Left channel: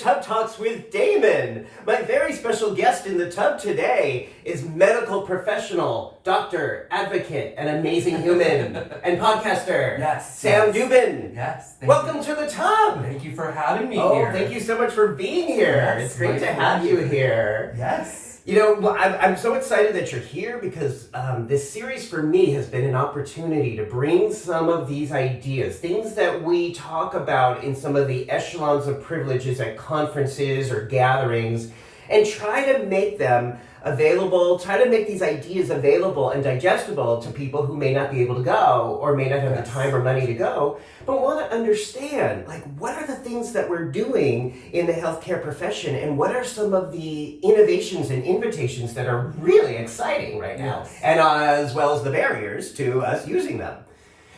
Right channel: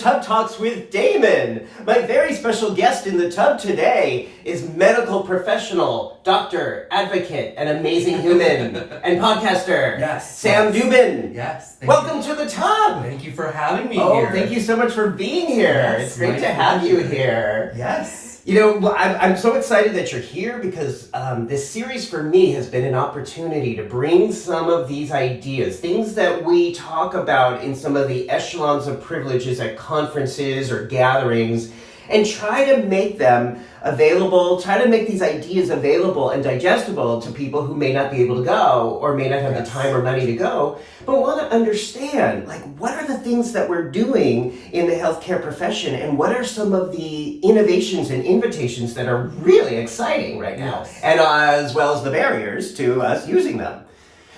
Tub Talks with Damon. My very special guest in the tub today is medical professional, doctor, advocate, and amazing human, and podcaster. Yes. Sam Dubin. Yes. Welcome to the tub. Thank you for having me Oh, here. thank you so much for being here. Yes, it's great my to have you here. Yes. You know, I'm so excited that you're here because this series for me has been an opportunity to bring some of these ideas, things that we talk about in some of the echelons of privileges at conferences or gatherings, and try to make them available, try to make these ideas available and digestible to people who may not be able to go or may not have the time or money to go, but want to understand, like, what are the things that we're doing in the healthcare profession and what are some of the innovations and invitations that are really exciting right now, and as well as the barriers to us using them.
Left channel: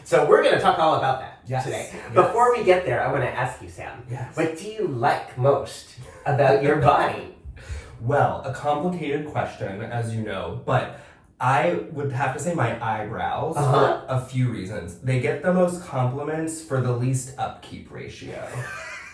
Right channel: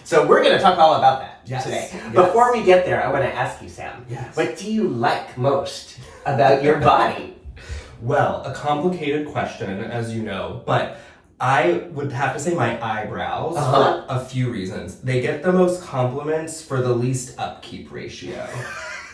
So we're going to talk all about that today. Yes. Before we get there, I want to ask you, Sam, what do you like most about your body? Well, a complicated question, as you know, but I would have to say my eyebrows for a few reasons. They get the most compliments for the least upkeep ratio.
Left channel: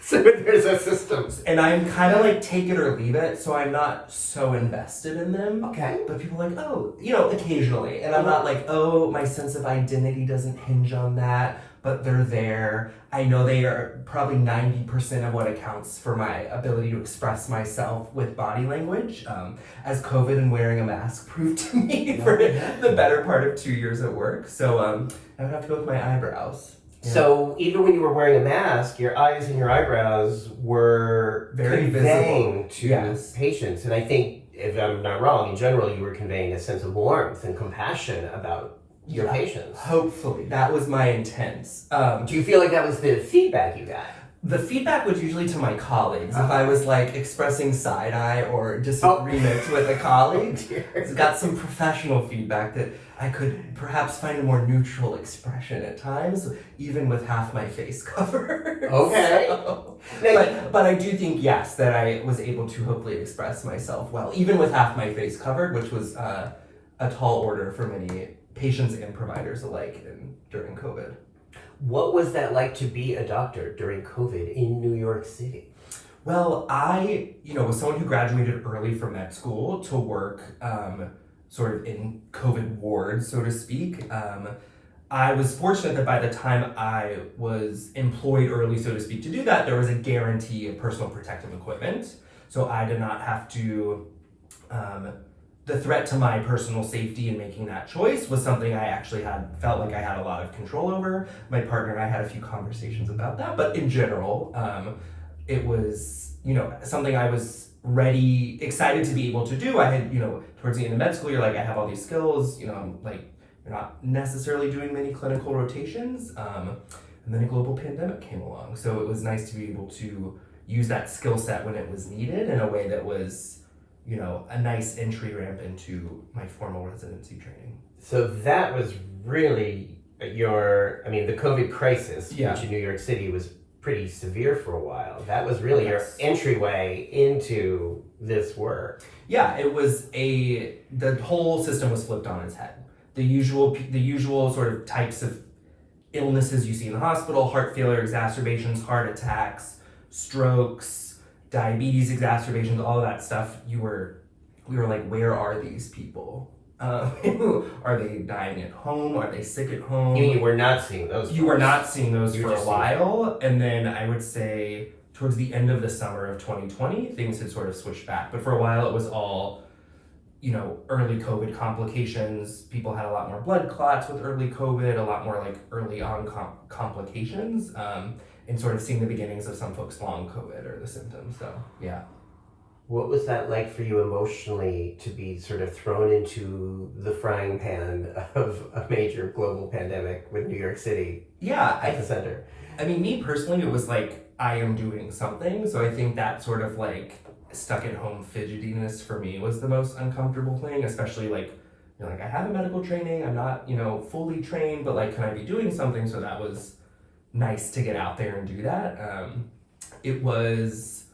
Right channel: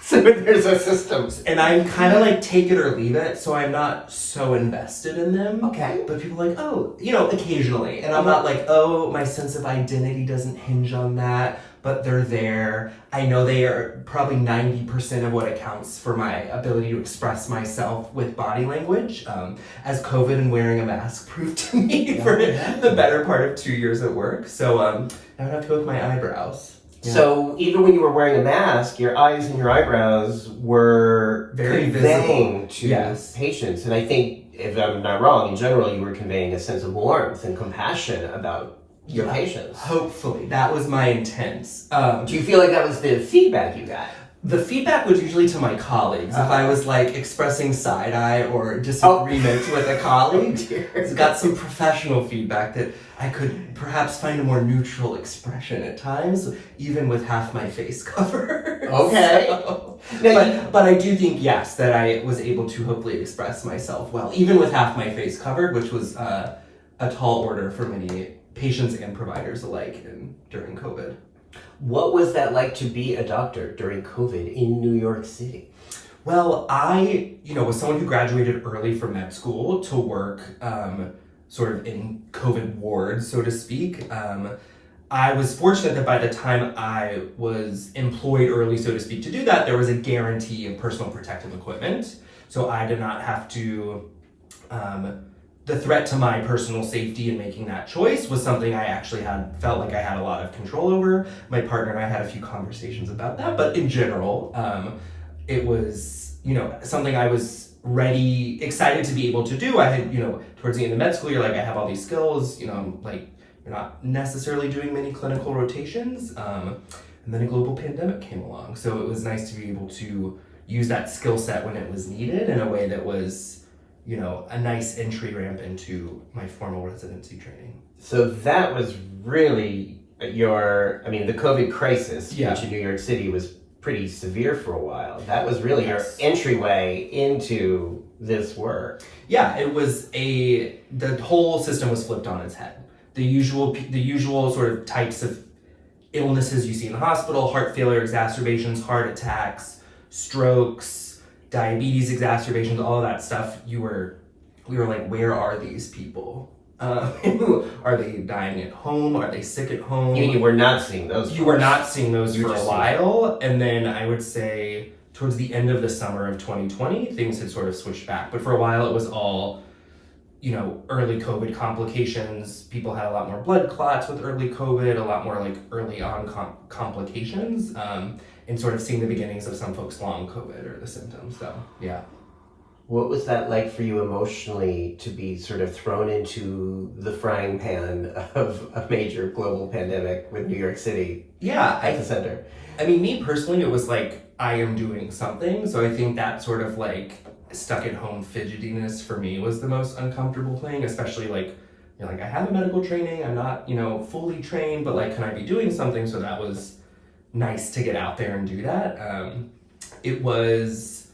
So there's a system. And I'm kind of like take it or leave it, so I'm not so invested in them. Okay. But people are like, oh, you know, occasionally. And I'm not like, oh, my sense of identity doesn't hinge on that, but they're there. I know they are probably 90% of what accounts for my ability to express myself with body language, as COVID and wearing a mask proved to me for the better part of 2 years at work. So I would have to go with my eyebrows. Yeah. So even when you were wearing a mask, your eyes and your eyebrows were very conveying visible to patients. And I think, if I'm not wrong, in general, you were conveying a sense of warmth and compassion about your patients. Hopefully. That was my intent. Do you feel like that was the feedback you got? The feedback was usually to my colleagues. If I was like expressing side-eye or disagreement with a colleague, it's got some professional feedback that I could perhaps find a more neutral expression at times, even with half my face covered. Okay. So, but I do think, yes, that I was able to hopefully express myself well, even with half my face covered, which was a tall order for many patients and providers alike during COVID. What was that like to be a doctor during COVID in New York City? Well, I, was someone who graduated early from med school to work sort of in COVID wards, so to speak. I was fortunate that by the time I was employed early, so to speak, to do that, there was a guarantee of personal protective equipment. So I did not have to, the threat to my personal safety in making that choice was something I actually felt like I had a lot of control over. My partner and I had a few conversations about that, but in general, it was, something I was excited to be able to do. I had, towards the end of med school, you're like, I have all these skills, I'm like, you're not necessarily doing many clinical rotations. And then a global pandemic came along. So it was nice to be able to use that skill set when it was needed in a way that was, a nice entry ramp into my formal residency training. So that was really the COVID crisis, which in New York City was pretty severe for a while. That was really your entryway into this work. Yeah, it was the whole system was flipped on its head. The usual sort of types of illnesses you see in the hospital, heart failure exacerbations, heart attacks, strokes, diabetes exacerbations, all that stuff, we were like, where are these people? Are they dying at home? Are they sick at home? You were not seeing those. You were not seeing those for a while. And then I would say towards the end of the summer of 2020, things had sort of switched back. But for a while it was all, early COVID complications. People had a lot more blood clots with early COVID, a lot more like early on complications. And sort of seeing the beginnings of some folks' long COVID or the symptoms. So, yeah. What was that like for you emotionally to be sort of thrown into the frying pan of a major global pandemic with New York City at the center? I mean, me personally, it was like, I am doing something. So I think that sort of like stuck at home fidgetiness for me was the most uncomfortable thing, especially like, I have a medical training. I'm not, fully trained, but like, can I be doing something? So that was nice to get out there and do that. It was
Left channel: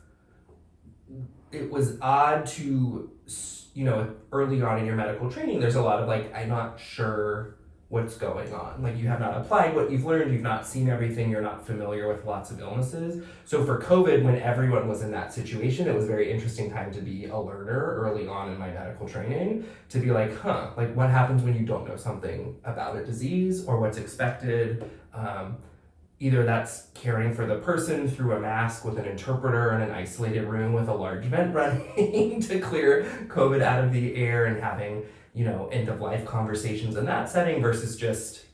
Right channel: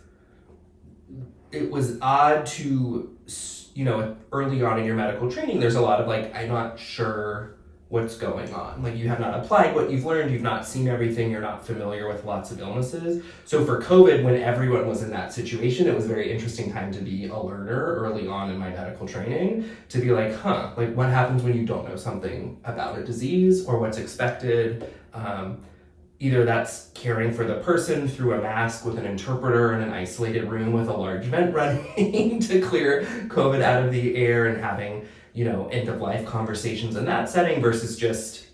odd to, early on in your medical training, there's a lot of like, I'm not sure what's going on. Like, you have not applied what you've learned, you've not seen everything, you're not familiar with lots of illnesses. So for COVID, when everyone was in that situation, it was a very interesting time to be a learner early on in my medical training, to be like, like, what happens when you don't know something about a disease or what's expected? Either that's caring for the person through a mask with an interpreter in an isolated room with a large vent running to clear COVID out of the air, and having, end of life conversations in that setting, versus just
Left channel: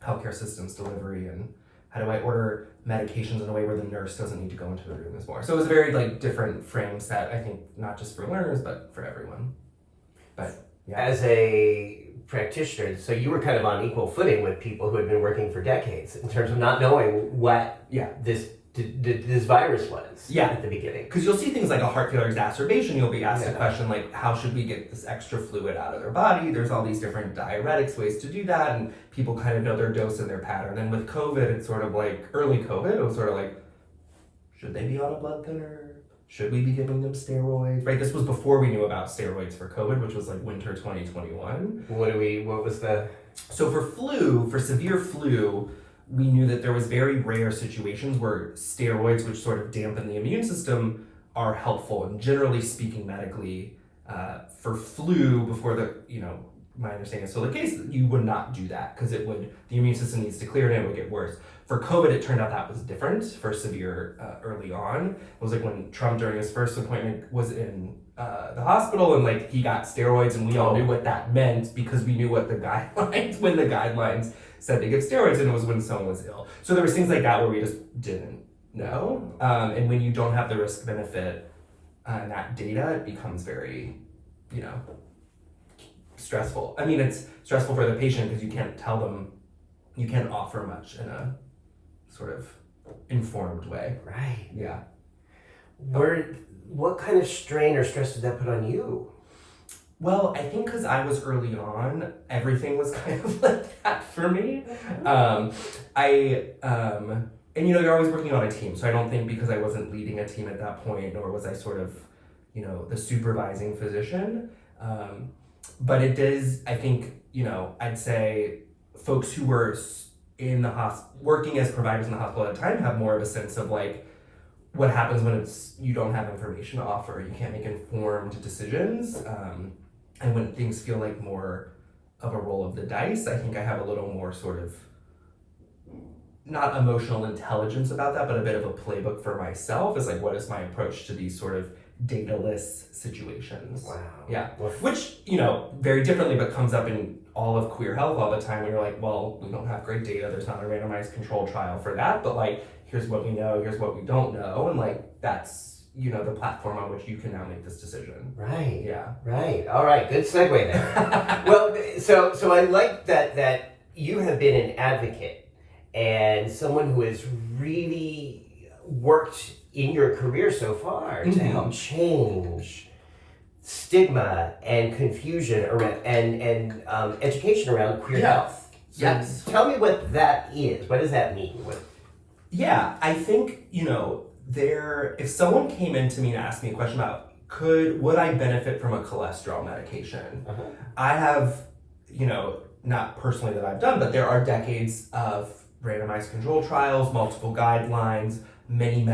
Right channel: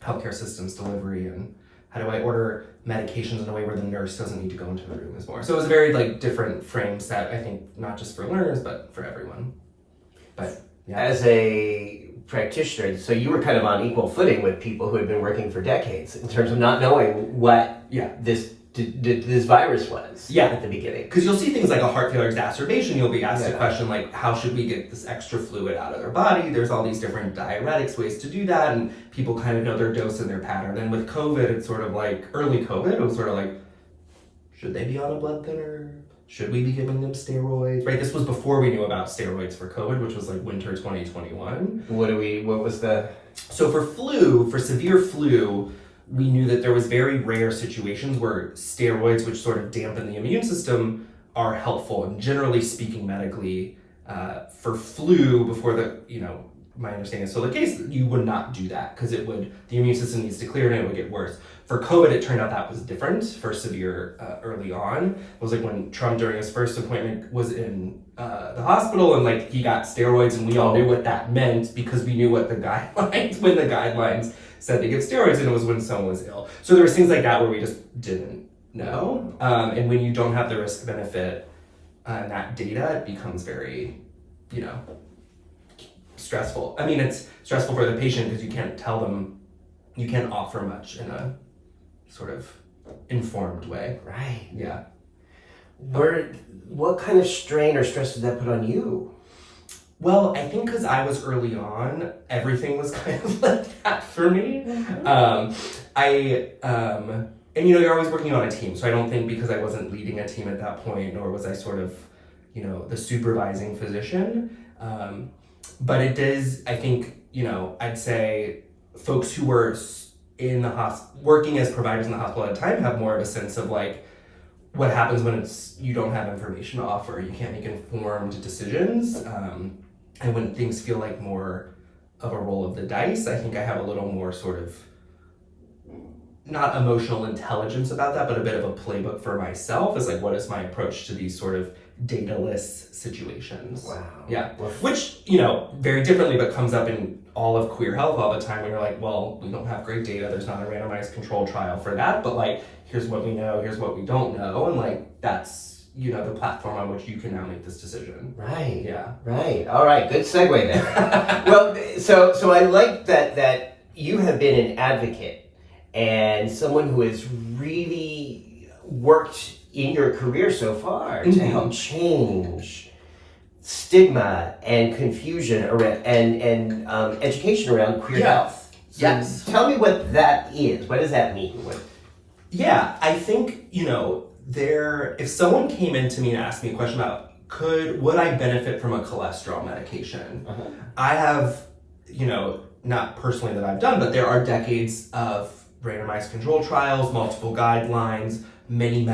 healthcare systems delivery and how do I order medications in a way where the nurse doesn't need to go into the room as more. So it was a very different frame set, I think, not just for learners, but for everyone. But yeah. As a practitioner, so you were kind of on equal footing with people who had been working for decades in terms of not knowing what this virus was at the beginning. Because you'll see things like a heart failure exacerbation, you'll be asked a question like, how should we get this extra fluid out of their body? There's all these different diuretics, ways to do that, and people kind of know their dose and their pattern. And with COVID, it's sort of like, early COVID, it was sort of like, should they be on a blood thinner? Should we be giving them steroids? Right, this was before we knew about steroids for COVID, which was like winter 2021. What was the... So for severe flu, we knew that there was very rare situations where steroids, which sort of dampen the immune system, are helpful. And generally speaking, medically, for flu, before my understanding is still the case, you would not do that because the immune system needs to clear it and it would get worse. For COVID, it turned out that was different for severe early on. It was like when Trump, during his first appointment, was in the hospital and he got steroids, and we all knew what that meant because we knew what the guidelines said to give steroids, and it was when someone was ill. So there was things like that where we just didn't know. And when you don't have the risk benefit and that data, it becomes very, stressful. I mean, it's stressful for the patient because you can't tell them, you can't offer much in a sort of informed way. Right. Yeah. What kind of strain or stress did that put on you? Well, I think because I was early on, everything was kind of like that for me. Mm-hmm. And you're always working on a team. So I don't think because I wasn't leading a team at that point, nor was I sort of, the supervising physician. But it does, I think, I'd say folks who were in the working as providers in the hospital at the time have more of a sense of what happens when you don't have information to offer, you can't make informed decisions. And when things feel like more of a roll of the dice, I think I have a little more sort of, not emotional intelligence about that, but a bit of a playbook for myself is what is my approach to these sort of data-less situations. Wow. Yeah. Which, very differently, but comes up in all of queer health all the time. And you're like, well, we don't have great data. There's not a randomized control trial for that. But here's what we know, here's what we don't know. And that's, the platform on which you can now make this decision. Right. Yeah. Right. All right. Good segue there. Well, so I like that you have been an advocate and someone who has really worked in your career so far to help change stigma and confusion around and education around queer health. So yes. Tell me what that is. What does that mean? Yeah, I think, if someone came in to me and asked me a question about would I benefit from a cholesterol medication? Uh-huh. I have, not personally that I've done, but there are decades of randomized control trials, multiple guidelines, many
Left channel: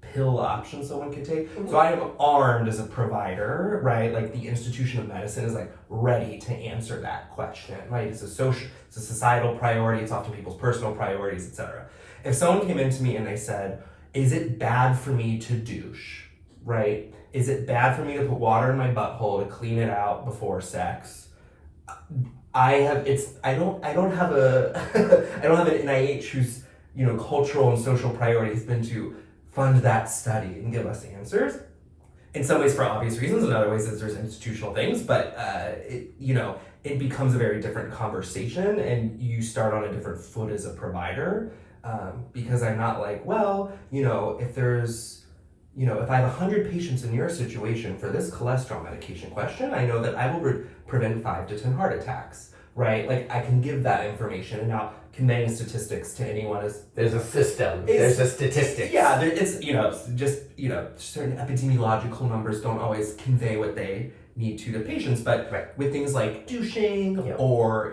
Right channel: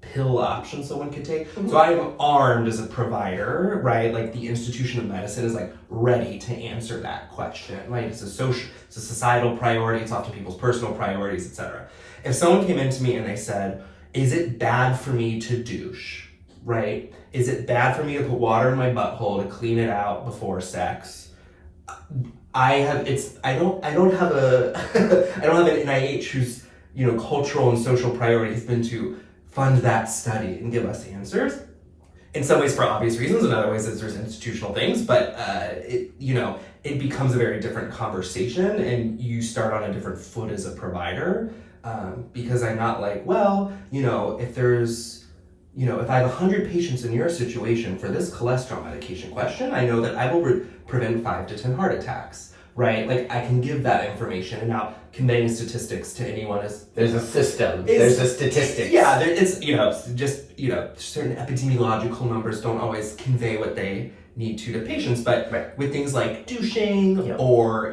pill options someone could take. Mm-hmm. So I am armed as a provider, right? The institution of medicine is ready to answer that question, right? It's a societal priority. It's often people's personal priorities, etc. If someone came in to me and they said, is it bad for me to douche, right? Is it bad for me to put water in my butthole to clean it out before sex? I don't have an NIH whose cultural and social priority has been to fund that study and give us answers. In some ways for obvious reasons, in other ways there's institutional things, but it becomes a very different conversation and you start on a different foot as a provider because I'm not if I have 100 patients in your situation for this cholesterol medication question, I know that I will prevent 5 to 10 heart attacks. right? Like I can give that information, and now conveying statistics to anyone is there's a system, there's a statistics. Yeah, it's just certain epidemiological numbers don't always convey what they need to patients, but with things like douching or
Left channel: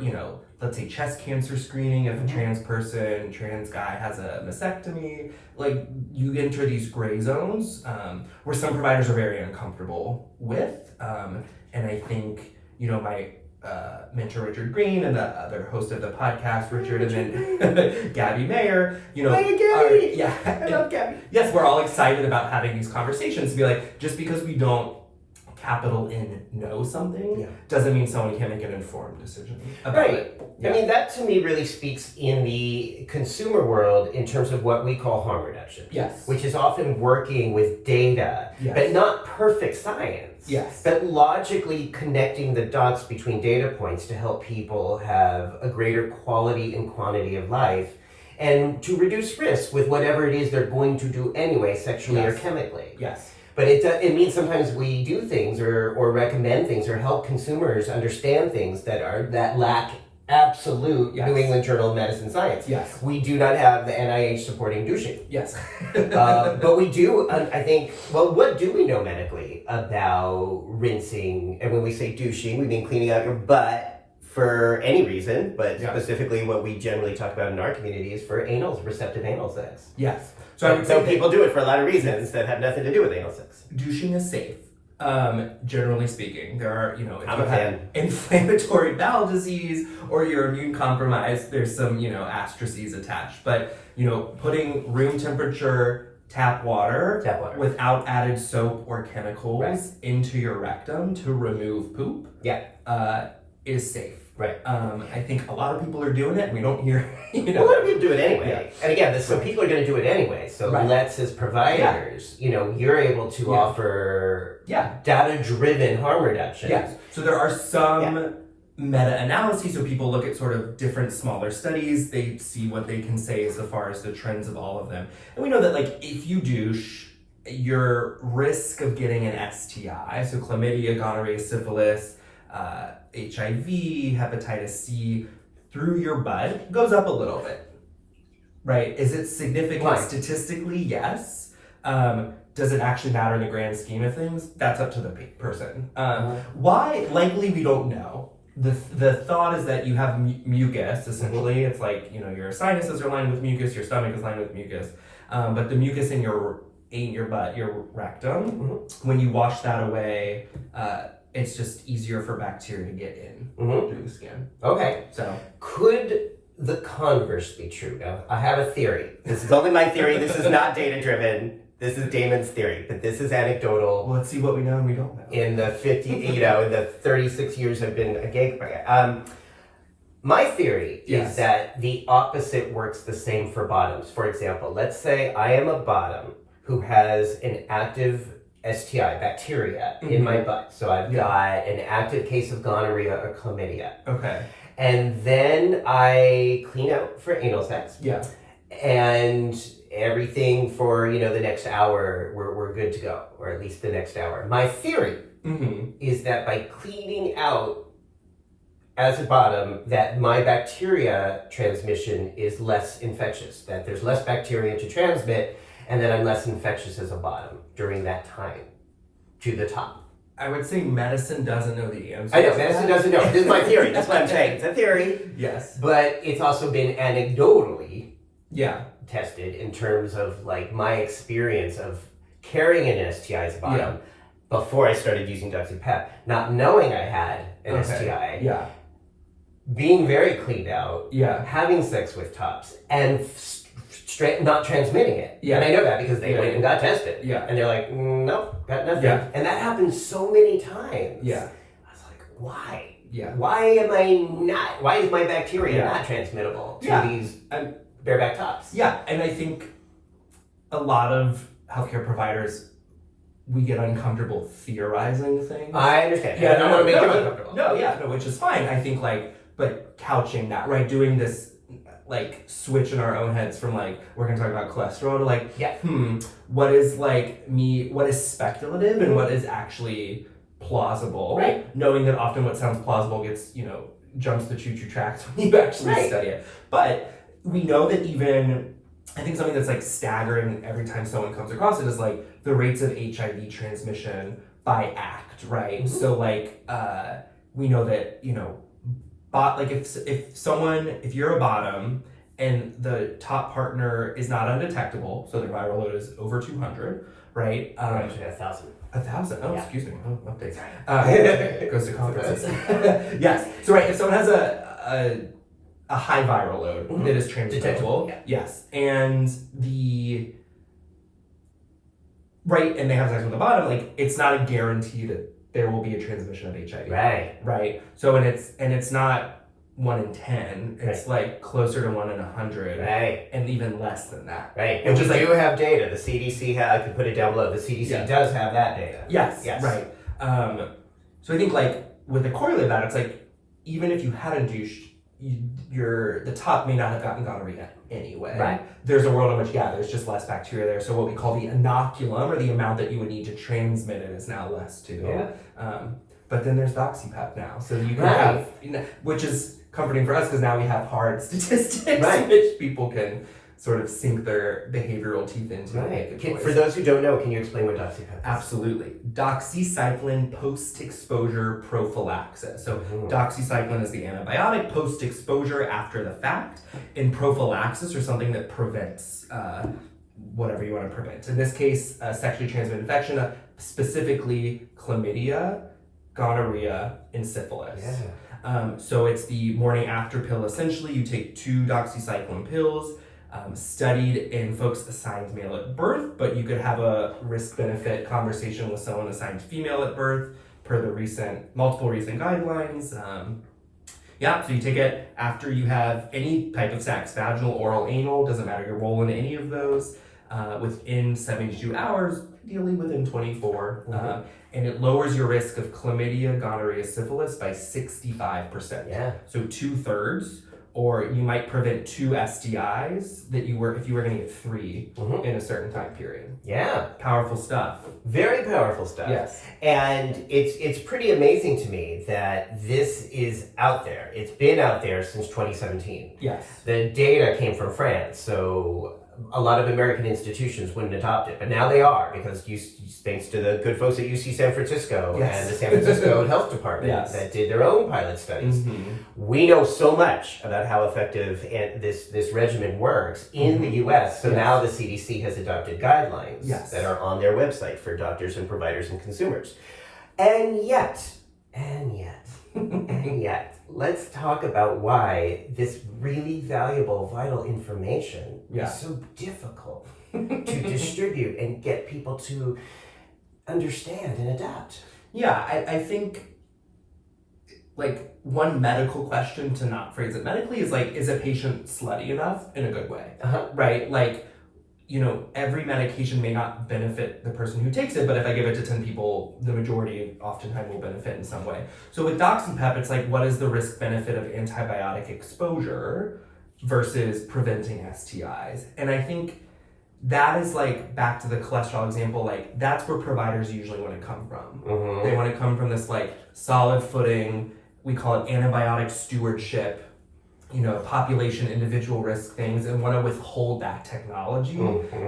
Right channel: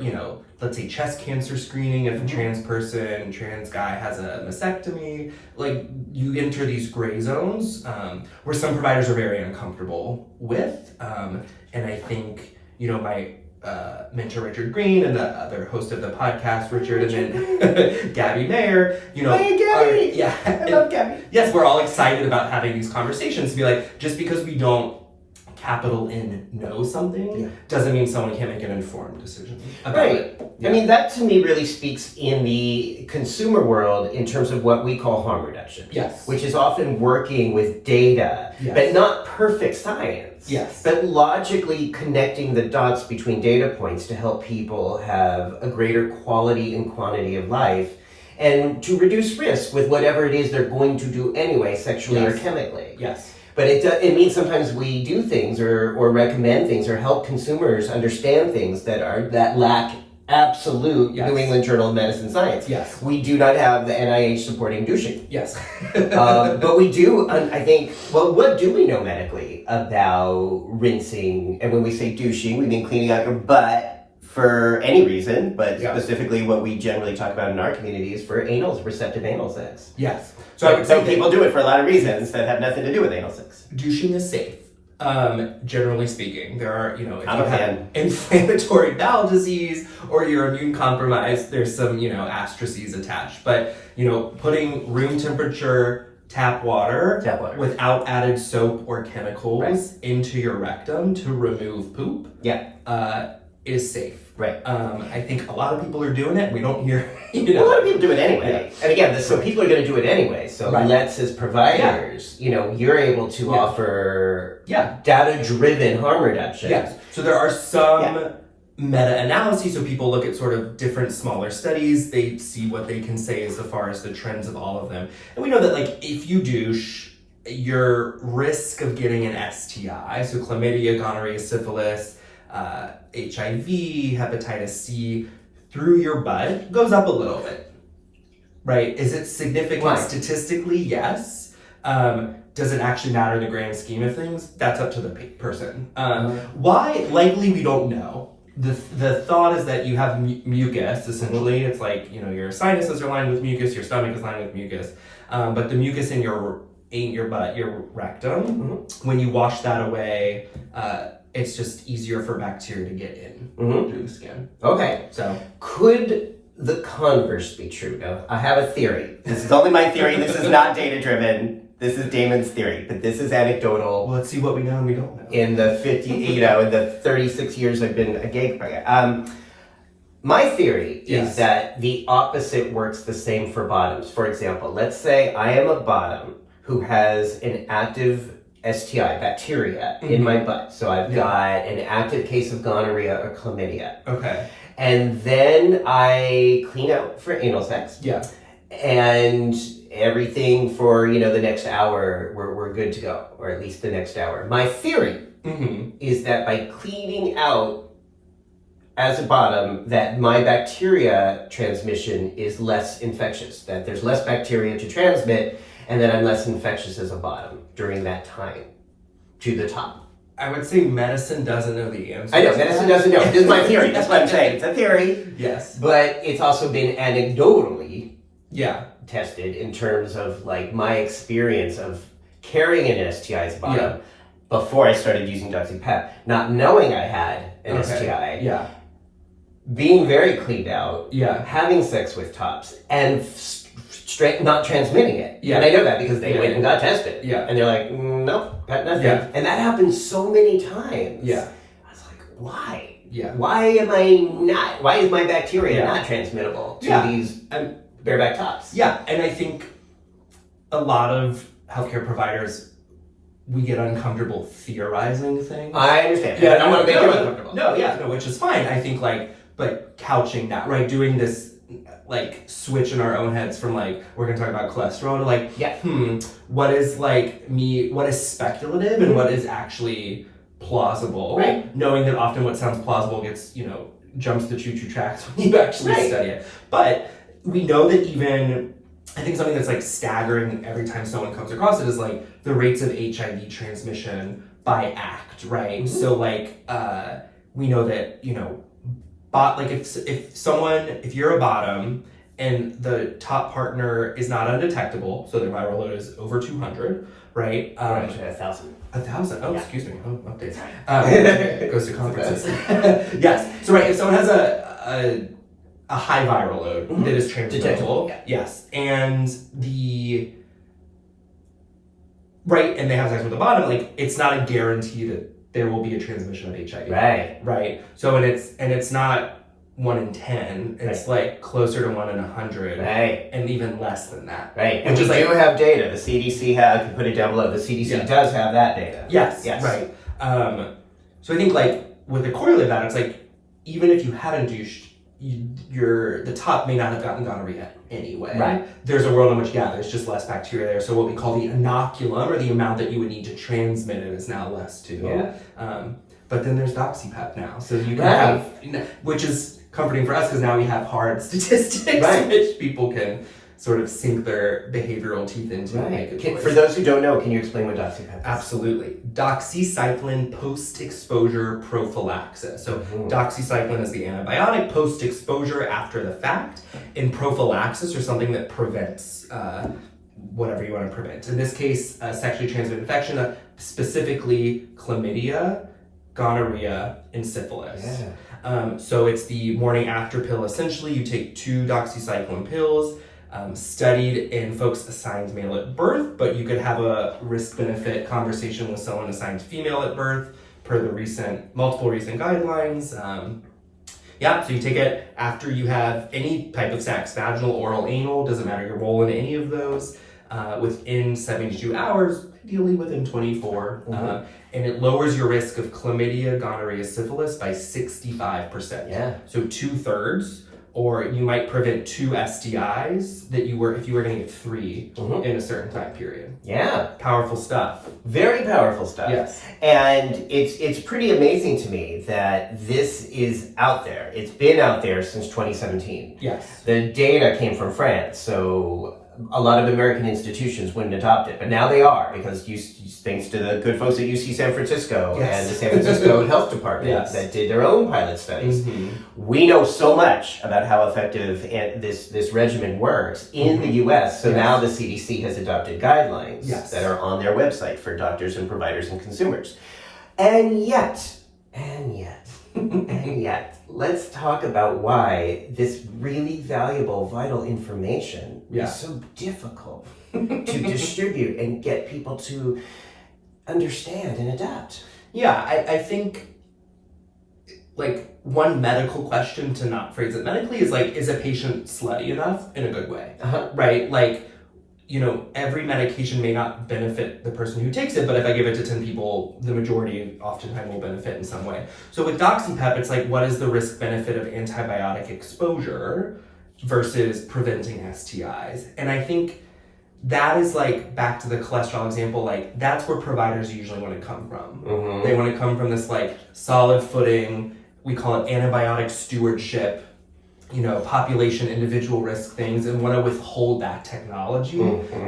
let's say chest cancer screening, if a trans guy has a mastectomy, like you enter these gray zones where some providers are very uncomfortable with, and I think my mentor Richard Green and the other host of the podcast, Richard, and then Gabby Mayer, Hey, Gabby! I love Gabby. Yes, we're all excited about having these conversations to be like, just because we don't capital N know something doesn't mean someone can't make an informed decision about it. I mean, that to me really speaks in the consumer world in terms of what we call harm reduction. Yes. Which is often working with data, but not perfect science. Yes. But logically connecting the dots between data points to help people have a greater quality and quantity of life and to reduce risk with whatever it is they're going to do anyway, sexually or chemically. Yes. But it means sometimes we do things or recommend things or help consumers understand things that lack absolute New England Journal of Medicine science. Yes. We do not have the NIH supporting douching. Yes. But we do, I think, what do we know medically about rinsing? And when we say douching, we mean cleaning out your butt for any reason, but specifically what we generally talk about in our community is for receptive anal sex. Yes. So I would say people do it for a lot of reasons that have nothing to do with anal sex. Douching is safe. Generally speaking, there are, if you have inflammatory bowel disease or you're immune compromised, there's some, asterisks attached. But, putting room temperature tap water without added soap or chemicals into your rectum to remove poop is safe. Right. I think a lot of people are doing it. We don't hear, a lot of people do it anyway. And again, so people are going to do it anyway. So let's, as providers, you're able to offer data-driven harm reduction. Yes. So there are some meta-analyses. So people look at sort of different smaller studies. They see what they can say as far as the trends of all of them. And we know that if you douche, your risk of getting an STI, so chlamydia, gonorrhea, syphilis, HIV, hepatitis C, through your butt goes up a little bit, right? Is it significant statistically? Yes. Does it actually matter in the grand scheme of things? That's up to the person. Why? Likely we don't know. The thought is that you have mucus, essentially. It's like, your sinuses are lined with mucus, your stomach is lined with mucus. But the mucus in your butt, your rectum, when you wash that away, it's just easier for bacteria to get in through the skin. Okay. So could the converse be true? Now, I have a theory. This is only my theory. This is not data-driven. This is Damon's theory, but this is anecdotal. Well, let's see what we know and we don't know. In the in the 36 years I've been a gay player. My theory is that the opposite works the same for bottoms. For example, let's say I am a bottom who has an active STI, bacteria, in my butt. So I've got an active case of gonorrhea or chlamydia. Okay. And then I clean out for anal sex. Yeah. And everything for, the next hour, we're good to go. Or at least the next hour. My theory is that by cleaning out as a bottom, that my bacteria transmission is less infectious. That there's less bacteria to transmit, and that I'm less infectious as a bottom during that time to the top. I would say medicine doesn't know the answer. I know, medicine doesn't know. This is my theory. That's what I'm saying. It's a theory. Yes. But it's also been anecdotally tested in terms of my experience of carrying an STI as a bottom before I started using DoxyPEP, not knowing I had an STI. Yeah. Being very cleaned out. Yeah. Having sex with tops and not transmitting it. Yeah. And I know that because they went and got tested. Yeah. And they're like, nope, got nothing. Yeah. And that happens so many times. Yeah. I was like, why? Yeah. Why is my bacteria not transmittable to these bareback tops? Yeah. And I think a lot of healthcare providers, we get uncomfortable theorizing things. I understand. Yeah, I don't want to make you uncomfortable. No, which is fine. I think but couching that, right? Doing this switch in our own heads from we're gonna talk about cholesterol to what is what is speculative and what is actually plausible, right? Knowing that often what sounds plausible gets jumps the choo-choo tracks when you actually study it. But we know that even, I think something that's like staggering every time someone comes across it is like the rates of HIV transmission by act, right? So like we know that, you know, like if you're a bottom and the top partner is not undetectable, so their viral load is over 200, right? Actually, 1,000. 1,000? Oh, Yeah. excuse me. Oh, updates. Goes to conferences. Yes. So right, if someone has a high viral load that is transmissible, yes, and and they have sex with the bottom, like it's not a guarantee that there will be a transmission of HIV. Right. So and it's not 1 in 10. It's like closer to 1 in 100. And even less than that. And we do have data. The CDC I can put it down below. The CDC does have that data. Yes. Right. So I think like with the correlate of that, it's like even if you hadn't douched, the top may not have gotten gonorrhea anyway. There's a world in which there's just less bacteria there. So what we call the inoculum, or the amount that you would need to transmit it, is now less too. But then there's DoxyPEP now, so you can have, which is comforting for us because now we have hard statistics which people can sort of sink their behavioral teeth into and make a choice. For those who don't know, can you explain what DoxyPEP is? Absolutely. Doxycycline post-exposure prophylaxis. So doxycycline is the antibiotic, post-exposure after the fact, and prophylaxis, or something that prevents whatever you want to prevent. In this case, sexually transmitted infection, specifically chlamydia, gonorrhea, and syphilis. So it's the morning after pill. Essentially, you take 2 doxycycline pills, studied in folks assigned male at birth, but you could have a risk-benefit conversation with someone assigned female at birth per the multiple recent guidelines. So you take it after you have any type of sex, vaginal, oral, anal, doesn't matter your role in any of those, within 72 hours, ideally within 24. And it lowers your risk of chlamydia, gonorrhea, syphilis by 65%. So 2/3. Or you might prevent 2 STIs if you were going to get 3 in a certain time period. Powerful stuff. Very powerful stuff. Yes. And it's pretty amazing to me that this is out there. It's been out there since 2017. Yes. The data came from France, so a lot of American institutions wouldn't adopt it, but now they are, because thanks to the good folks at UC San Francisco and the San Francisco Health Department that did their own pilot studies. We know so much about how effective this regimen works in the US, so now the CDC has adopted guidelines that are on their website for doctors and providers and consumers. And yet, let's talk about why this really valuable, vital information is so difficult to distribute and get people to understand and adapt. I think like one medical question, to not phrase it medically, is like, is a patient slutty enough in a good way? Right? Like, you know, every medication may not benefit the person who takes it, but if I give it to 10 people, the majority oftentimes will benefit in some way. So with DoxyPEP, it's like, what is the risk benefit of antibiotic exposure versus preventing STIs? And I think that is like, back to the cholesterol example, like that's where providers usually want to come from. They want to come from this like solid footing, we call it antibiotic stewardship, you know, population, individual risk things, and want to withhold that technology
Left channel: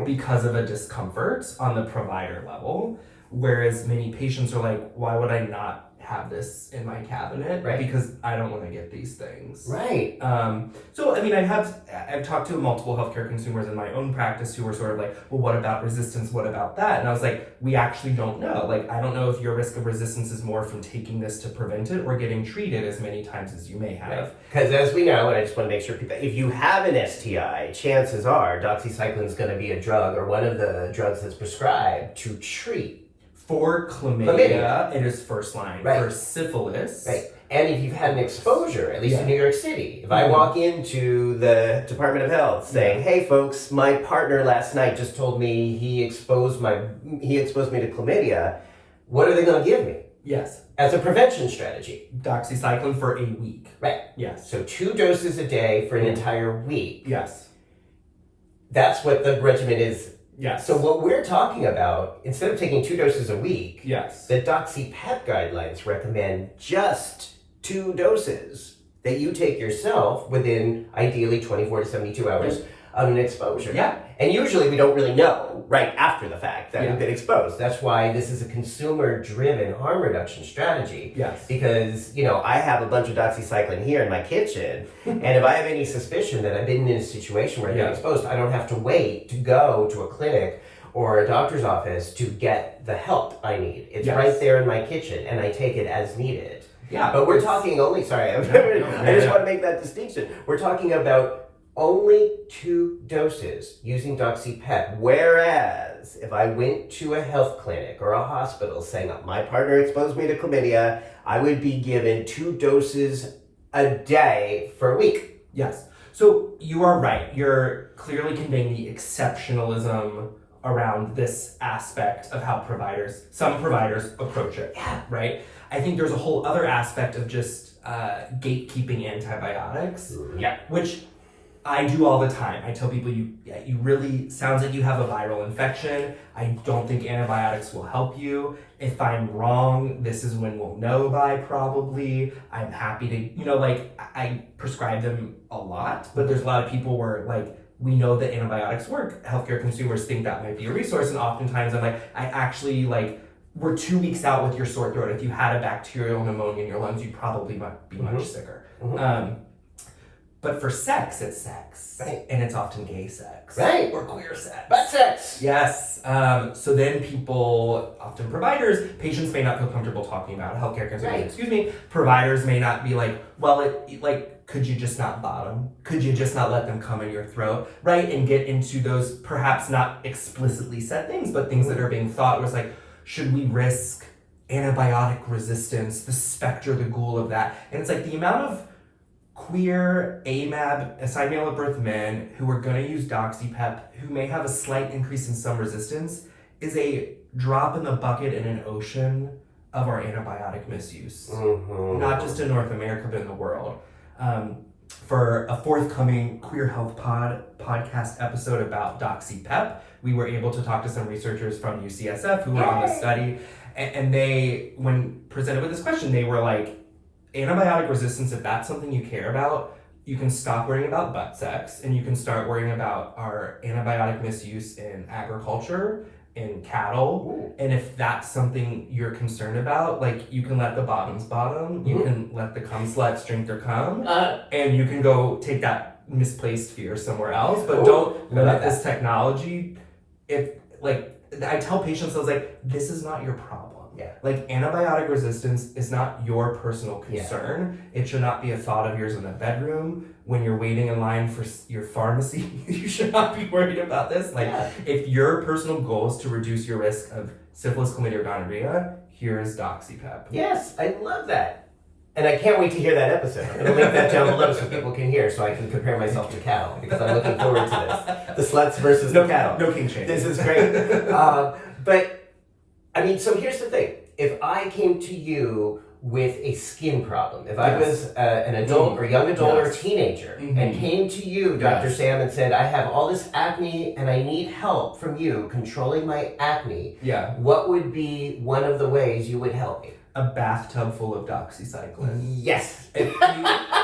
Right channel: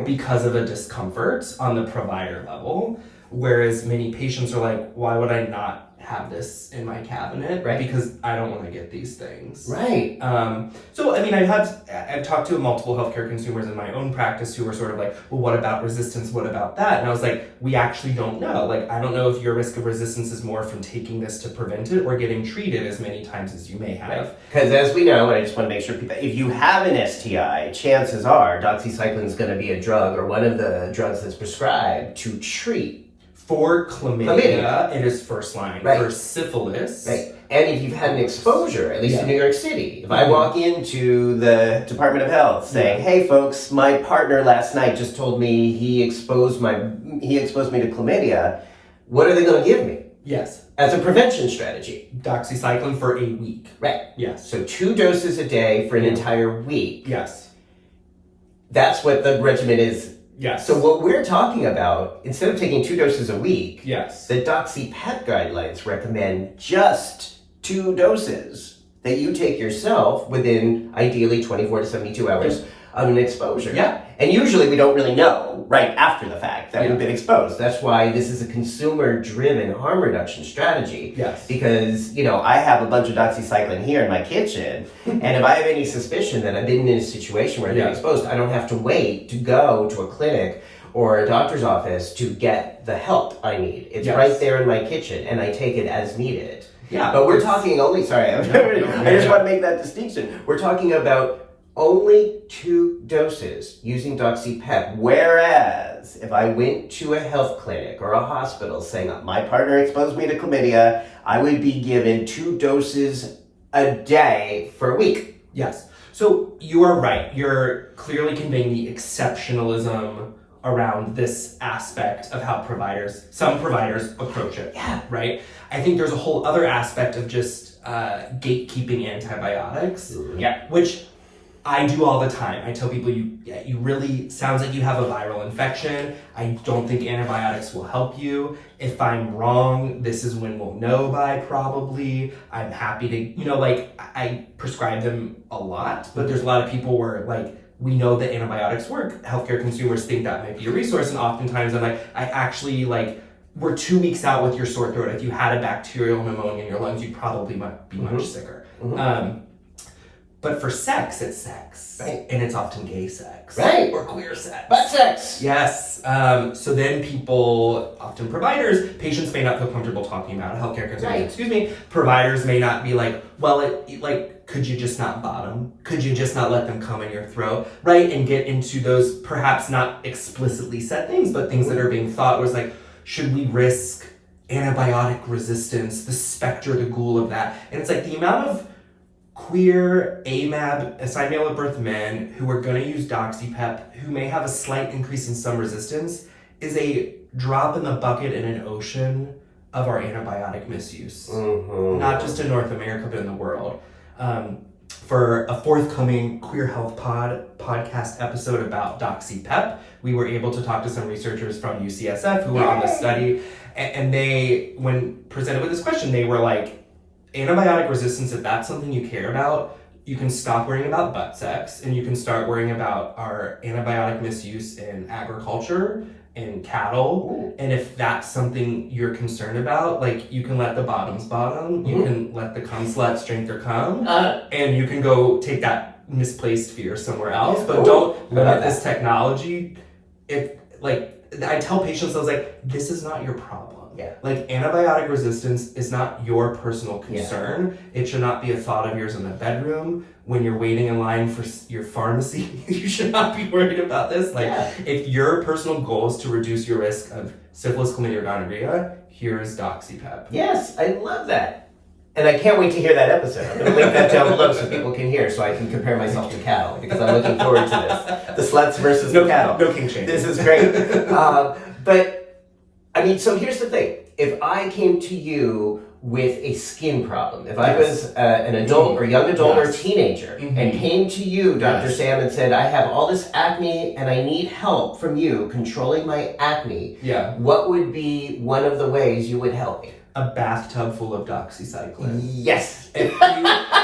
because of a discomfort on the provider level. Whereas many patients are like, why would I not have this in my cabinet? Because I don't want to get these things. So, I mean, I've talked to multiple healthcare consumers in my own practice who are sort of like, well, what about resistance? What about that? And I was like, we actually don't know. Like, I don't know if your risk of resistance is more from taking this to prevent it or getting treated as many times as you may have. Because as we know, and I just want to make sure people, if you have an STI, chances are doxycycline is going to be a drug or one of the drugs that's prescribed to treat. For chlamydia, it is first line. For syphilis. And if you've had an exposure, at least in New York City, if I walk into the Department of Health saying, hey folks, my partner last night just told me he exposed me to chlamydia, what are they going to give me? As a prevention strategy. Doxycycline for a week. So 2 doses a day for an entire week. That's what the regimen is. So what we're talking about, instead of taking 2 doses a week, the DoxyPEP guidelines recommend just 2 doses that you take yourself within ideally 24 to 72 hours of an exposure. Yeah. And usually we don't really know right after the fact that we've been exposed. That's why this is a consumer-driven harm reduction strategy. Yes. Because, I have a bunch of doxycycline here in my kitchen, and if I have any suspicion that I've been in a situation where I've been exposed, I don't have to wait to go to a clinic or a doctor's office to get the help I need. It's right there in my kitchen, and I take it as needed. Yeah. But we're talking only, sorry, I just want to make that distinction. We're talking about only 2 doses using DoxyPEP, whereas if I went to a health clinic or a hospital saying my partner exposed me to chlamydia, I would be given 2 doses a day for a week. Yes. So you are right. You're clearly conveying the exceptionalism around this aspect of how some providers approach it. Yeah. Right? I think there's a whole other aspect of just gatekeeping antibiotics, which I do all the time. I tell people, you really, sounds like you have a viral infection. I don't think antibiotics will help you. If I'm wrong, this is when we'll know by probably. I'm happy to, I prescribe them a lot, but there's a lot of people where we know that antibiotics work. Healthcare consumers think that might be a resource, and oftentimes I'm I actually we're 2 weeks out with your sore throat. If you had a bacterial pneumonia in your lungs, you probably might be much sicker. But for sex, it's sex. Right. And it's often gay sex. Right. Or queer sex. Butt sex. Yes. So then people, often providers, patients may not feel comfortable talking about it. Healthcare consumers, providers may not be could you just not bottom? Could you just not let them come in your throat? Right? And get into those perhaps not explicitly said things, but things that are being thought was should we risk antibiotic resistance, the specter, the ghoul of that? And it's the amount of queer, AMAB, assigned male at birth men who are going to use DoxyPEP, who may have a slight increase in some resistance, is a drop in the bucket in an ocean of our antibiotic misuse. Not just in North America, but in the world. For a forthcoming Queer Health podcast episode about DoxyPEP, we were able to talk to some researchers from UCSF who were on the study, and they, when presented with this question, they were antibiotic resistance, if that's something you care about, you can stop worrying about butt sex, and you can start worrying about our antibiotic misuse in agriculture, in cattle. And if that's something you're concerned about, you can let the bottoms bottom, you can let the cum sluts drink their cum, and you can go take that misplaced fear somewhere else, but don't limit this technology. If I tell patients, I was this is not your problem. Yeah. Antibiotic resistance is not your personal concern. It should not be a thought of yours in the bedroom. When you're waiting in line for your pharmacy, you should not be worried about this. If your personal goal is to reduce your risk of syphilis, chlamydia, or gonorrhea, here is DoxyPEP. Yes, I love that. And I can't wait to hear that episode. I'm going to link that down below so people can hear, so I can compare myself to cattle, because I'm looking forward to this. The sluts versus the cattle. No king shaming. This is great. So here's the thing. If I came to you with a skin problem, if I was an adult or young adult or teenager and came to you, Dr. Sam, and said, I have all this acne and I need help from you controlling my acne, what would be one of the ways you would help me? A bathtub full of doxycycline. Yes. If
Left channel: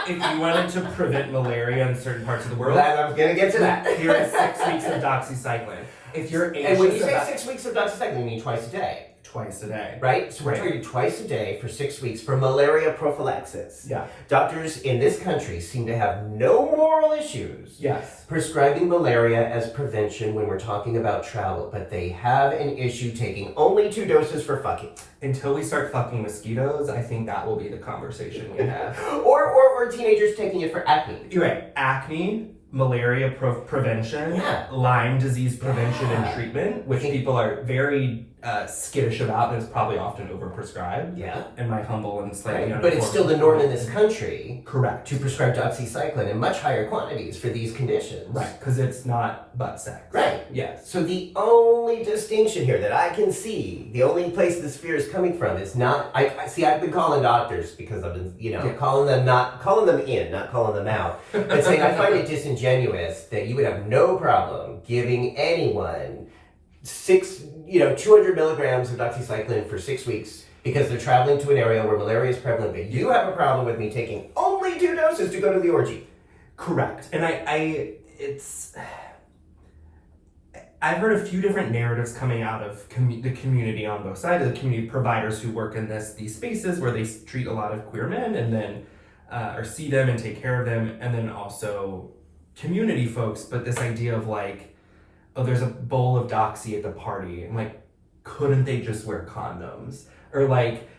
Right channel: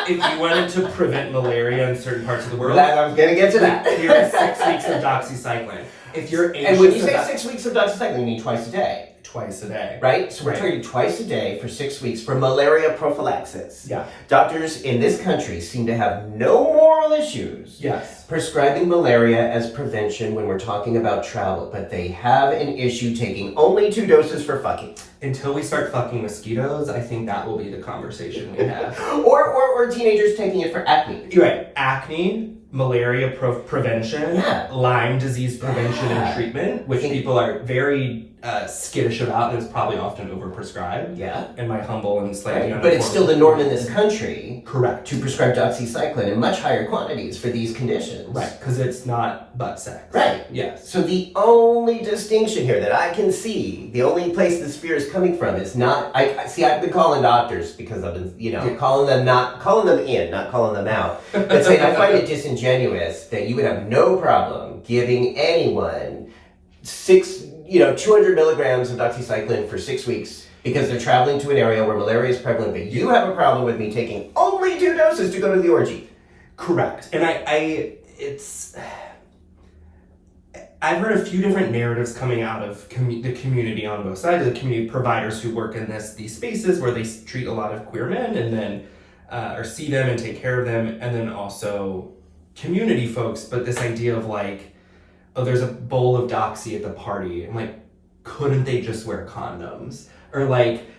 you wanted to prevent malaria in certain parts of the world, I'm going to get to that. Here is 6 weeks of doxycycline. If you're anxious, and when you say 6 weeks of doxycycline, you mean twice a day. Twice a day. Right? So we're telling you twice a day for 6 weeks for malaria prophylaxis. Yeah. Doctors in this country seem to have no moral issues prescribing malaria as prevention when we're talking about travel, but they have an issue taking only 2 doses for fucking. Until we start fucking mosquitoes, I think that will be the conversation we have. or teenagers taking it for acne. You're right. Acne, malaria prevention, Lyme disease prevention and treatment, which people are very skittish about, and is probably often overprescribed. Yeah. In my humble and slightly but it's still the norm in this country. Correct. To prescribe doxycycline in much higher quantities for these conditions. Right, because it's not butt sex. Right. Yes. So the only distinction here that I can see, the only place this fear is coming from is not, I've been calling doctors because I've been, calling them in, not calling them out, but saying I find it disingenuous that you would have no problem giving anyone 200 milligrams of doxycycline for 6 weeks because they're traveling to an area where malaria is prevalent, but you have a problem with me taking only only 2 doses to go to the orgy. Correct. And I've heard a few different narratives coming out of the community on both sides, the community providers who work in these spaces where they treat a lot of queer men and then, or see them and take care of them, and then also community folks, but this idea of like, oh, there's a bowl of Doxy at the party, and like, couldn't they just wear condoms? Or like,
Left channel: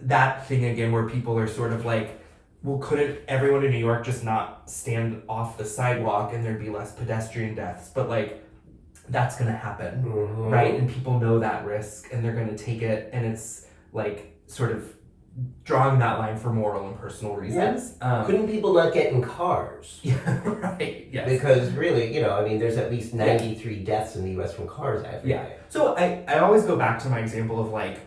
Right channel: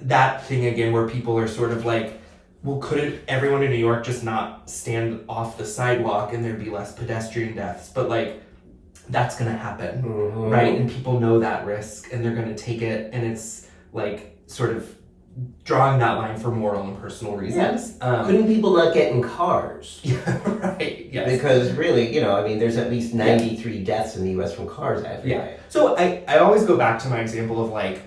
that thing again where people are sort of like, well, couldn't everyone in New York just not stand off the sidewalk and there'd be less pedestrian deaths? But like, that's gonna happen, right? And people know that risk and they're gonna take it, and it's like sort of drawing that line for moral and personal reasons. Couldn't people not get in cars? Yeah, right, yes. Because really, there's at least 93 deaths in the US from cars every day. So I always go back to my example of like,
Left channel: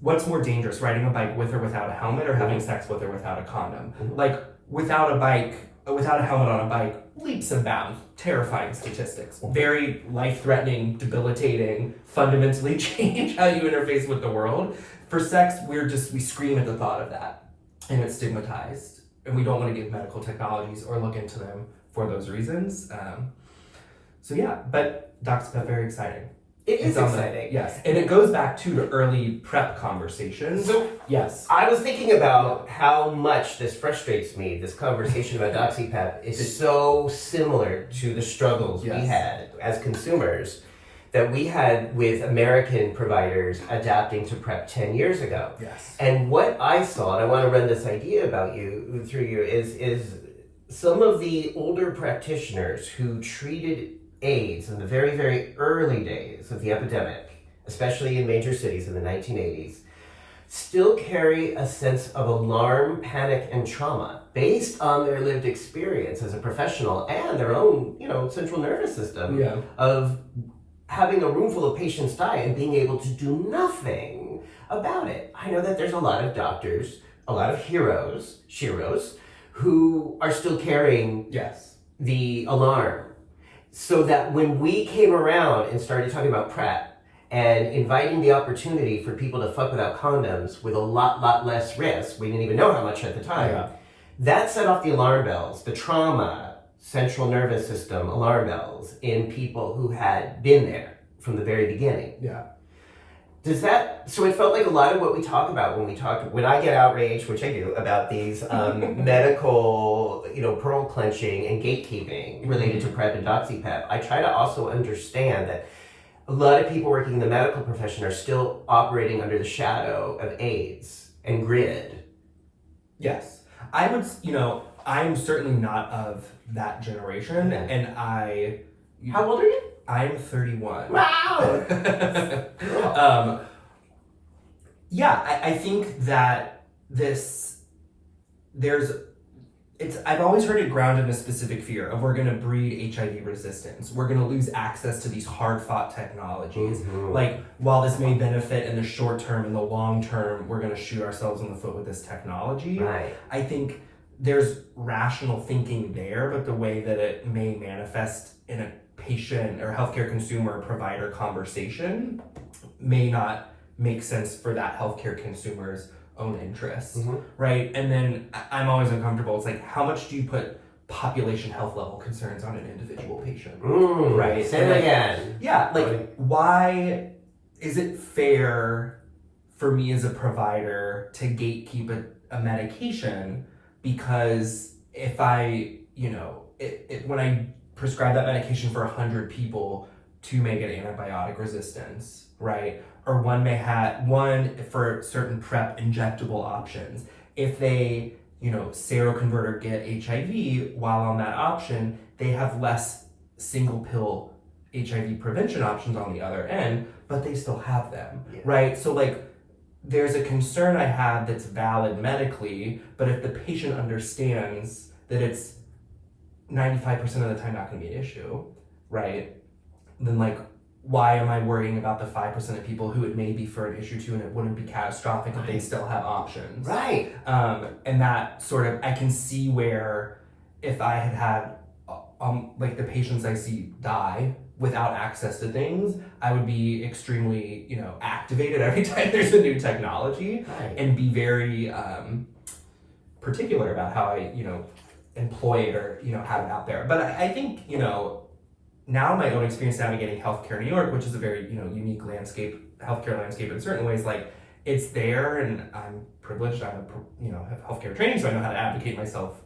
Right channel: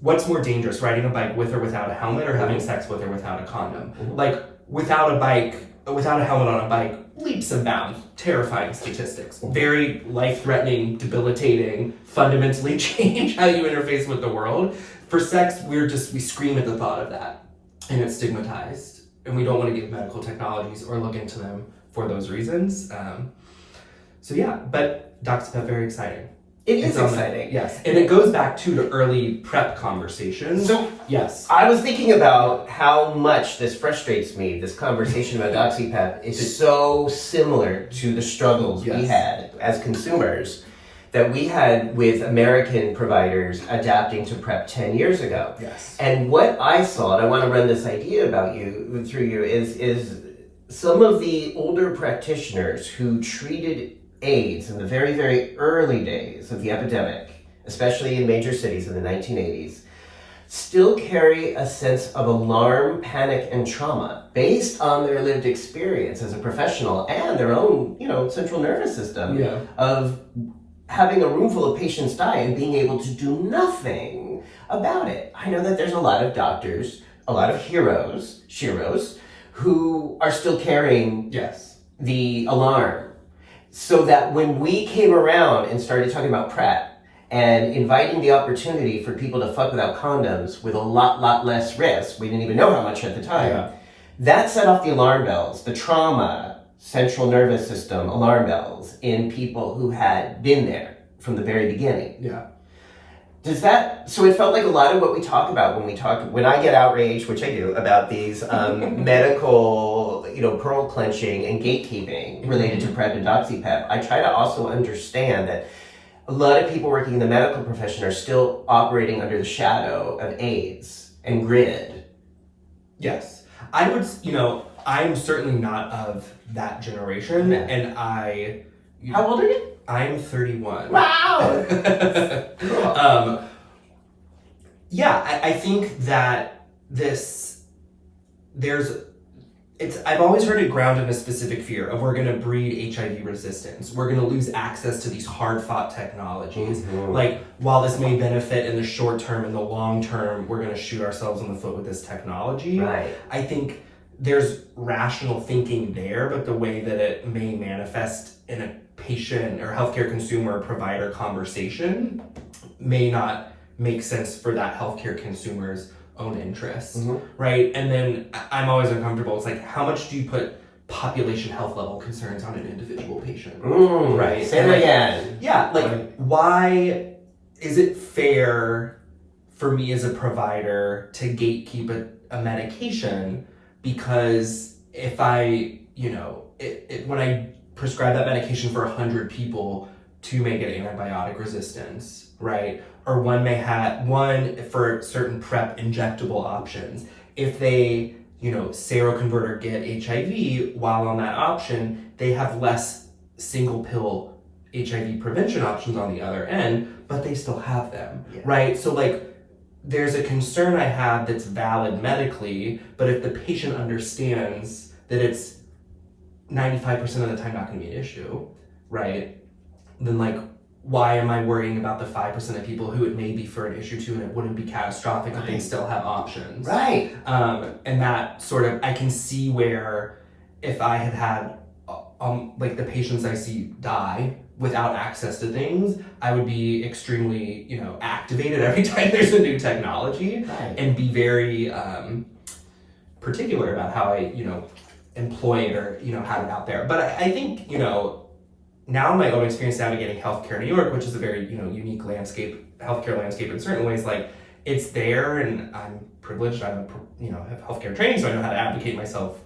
what's more dangerous, riding a bike with or without a helmet, or having sex with or without a condom? Like, without a helmet on a bike, leaps and bounds, terrifying statistics, very life-threatening, debilitating, fundamentally change how you interface with the world. For sex, we scream at the thought of that, and it's stigmatized, and we don't want to give medical technologies or look into them for those reasons. But DoxyPEP, very exciting. It is exciting. Yes, and it goes back to early PrEP conversations. So, yes. I was thinking about how much this frustrates me, this conversation about DoxyPEP is so similar to the struggles we had as consumers that we had with American providers adapting to PrEP 10 years ago. Yes. And what I saw, and I want to run this idea through you, is some of the older practitioners who treated AIDS in the very, very early days of the epidemic, especially in major cities in the 1980s, still carry a sense of alarm, panic, and trauma based on their lived experience as a professional and their own, central nervous system of having a room full of patients die and being able to do nothing about it. I know that there's a lot of doctors, a lot of sheroes, who are still carrying the alarm. So that when we came around and started talking about PrEP and inviting the opportunity for people to fuck without condoms with a lot less risk, we didn't even know how much at the time, that set off the alarm bells, the trauma, central nervous system alarm bells in people who had been there from the very beginning. Yeah. So it felt like a lot of what we talk about when I get outraged, which I do, about these medical, pearl clenching and gatekeeping related to PrEP and DoxyPEP, I try to also understand that a lot of people working in the medical profession are still operating under the shadow of AIDS and GRID. Yes. I would, I'm certainly not of that generation, and How old are you? I'm 31. Wow! I think that I've always heard it grounded in a specific fear of we're going to breed HIV resistance. We're going to lose access to these hard-fought technologies. Like, while this may benefit in the short term, in the long term, we're going to shoot ourselves in the foot with this technology. Right. I think there's rational thinking there, but the way that it may manifest in a patient or healthcare consumer provider conversation may not make sense for that healthcare consumer's own interests, right? And then I'm always uncomfortable. It's like, how much do you put population health level concerns on an individual patient, right? Say it again. Yeah, why is it fair for me as a provider to gatekeep a medication? Because if I, when I prescribe that medication for 100 people, 2 may get antibiotic resistance, right? Or one for certain PrEP injectable options. If they, seroconvert or get HIV while on that option, they have less single pill HIV prevention options on the other end, but they still have them, right? So there's a concern I have that's valid medically, but if the patient understands that it's 95% of the time not going to be an issue, right? Then why am I worrying about the 5% of people who it may be for an issue to, and it wouldn't be catastrophic if they still have options? Right. And that sort of, I can see where if I had the patients I see die without access to things, I would be extremely, activated every time there's a new technology, and be very particular about how I, employ it or, have it out there. But I think, now my own experience navigating healthcare in New York, which is a very, unique healthcare landscape in certain ways, like it's there, and I'm privileged. Have healthcare training, so I know how to advocate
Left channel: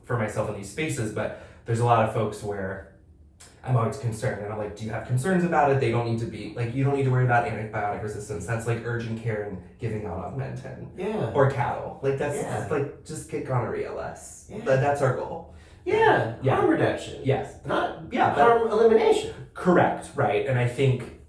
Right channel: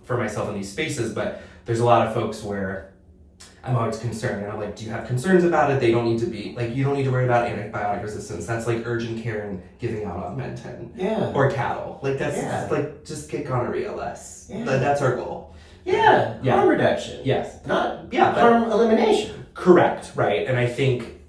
for myself in these spaces. But there's a lot of folks where I'm always concerned, and I'm like, do you have concerns about it? They don't need to be, like, you don't need to worry about antibiotic resistance. That's like urgent care and giving out Augmentin. Yeah. Or cattle. Like, that's like, just get gonorrhea less. Yeah. That's our goal. Yeah. Harm reduction. Yes. Not harm elimination. Correct, right. And I think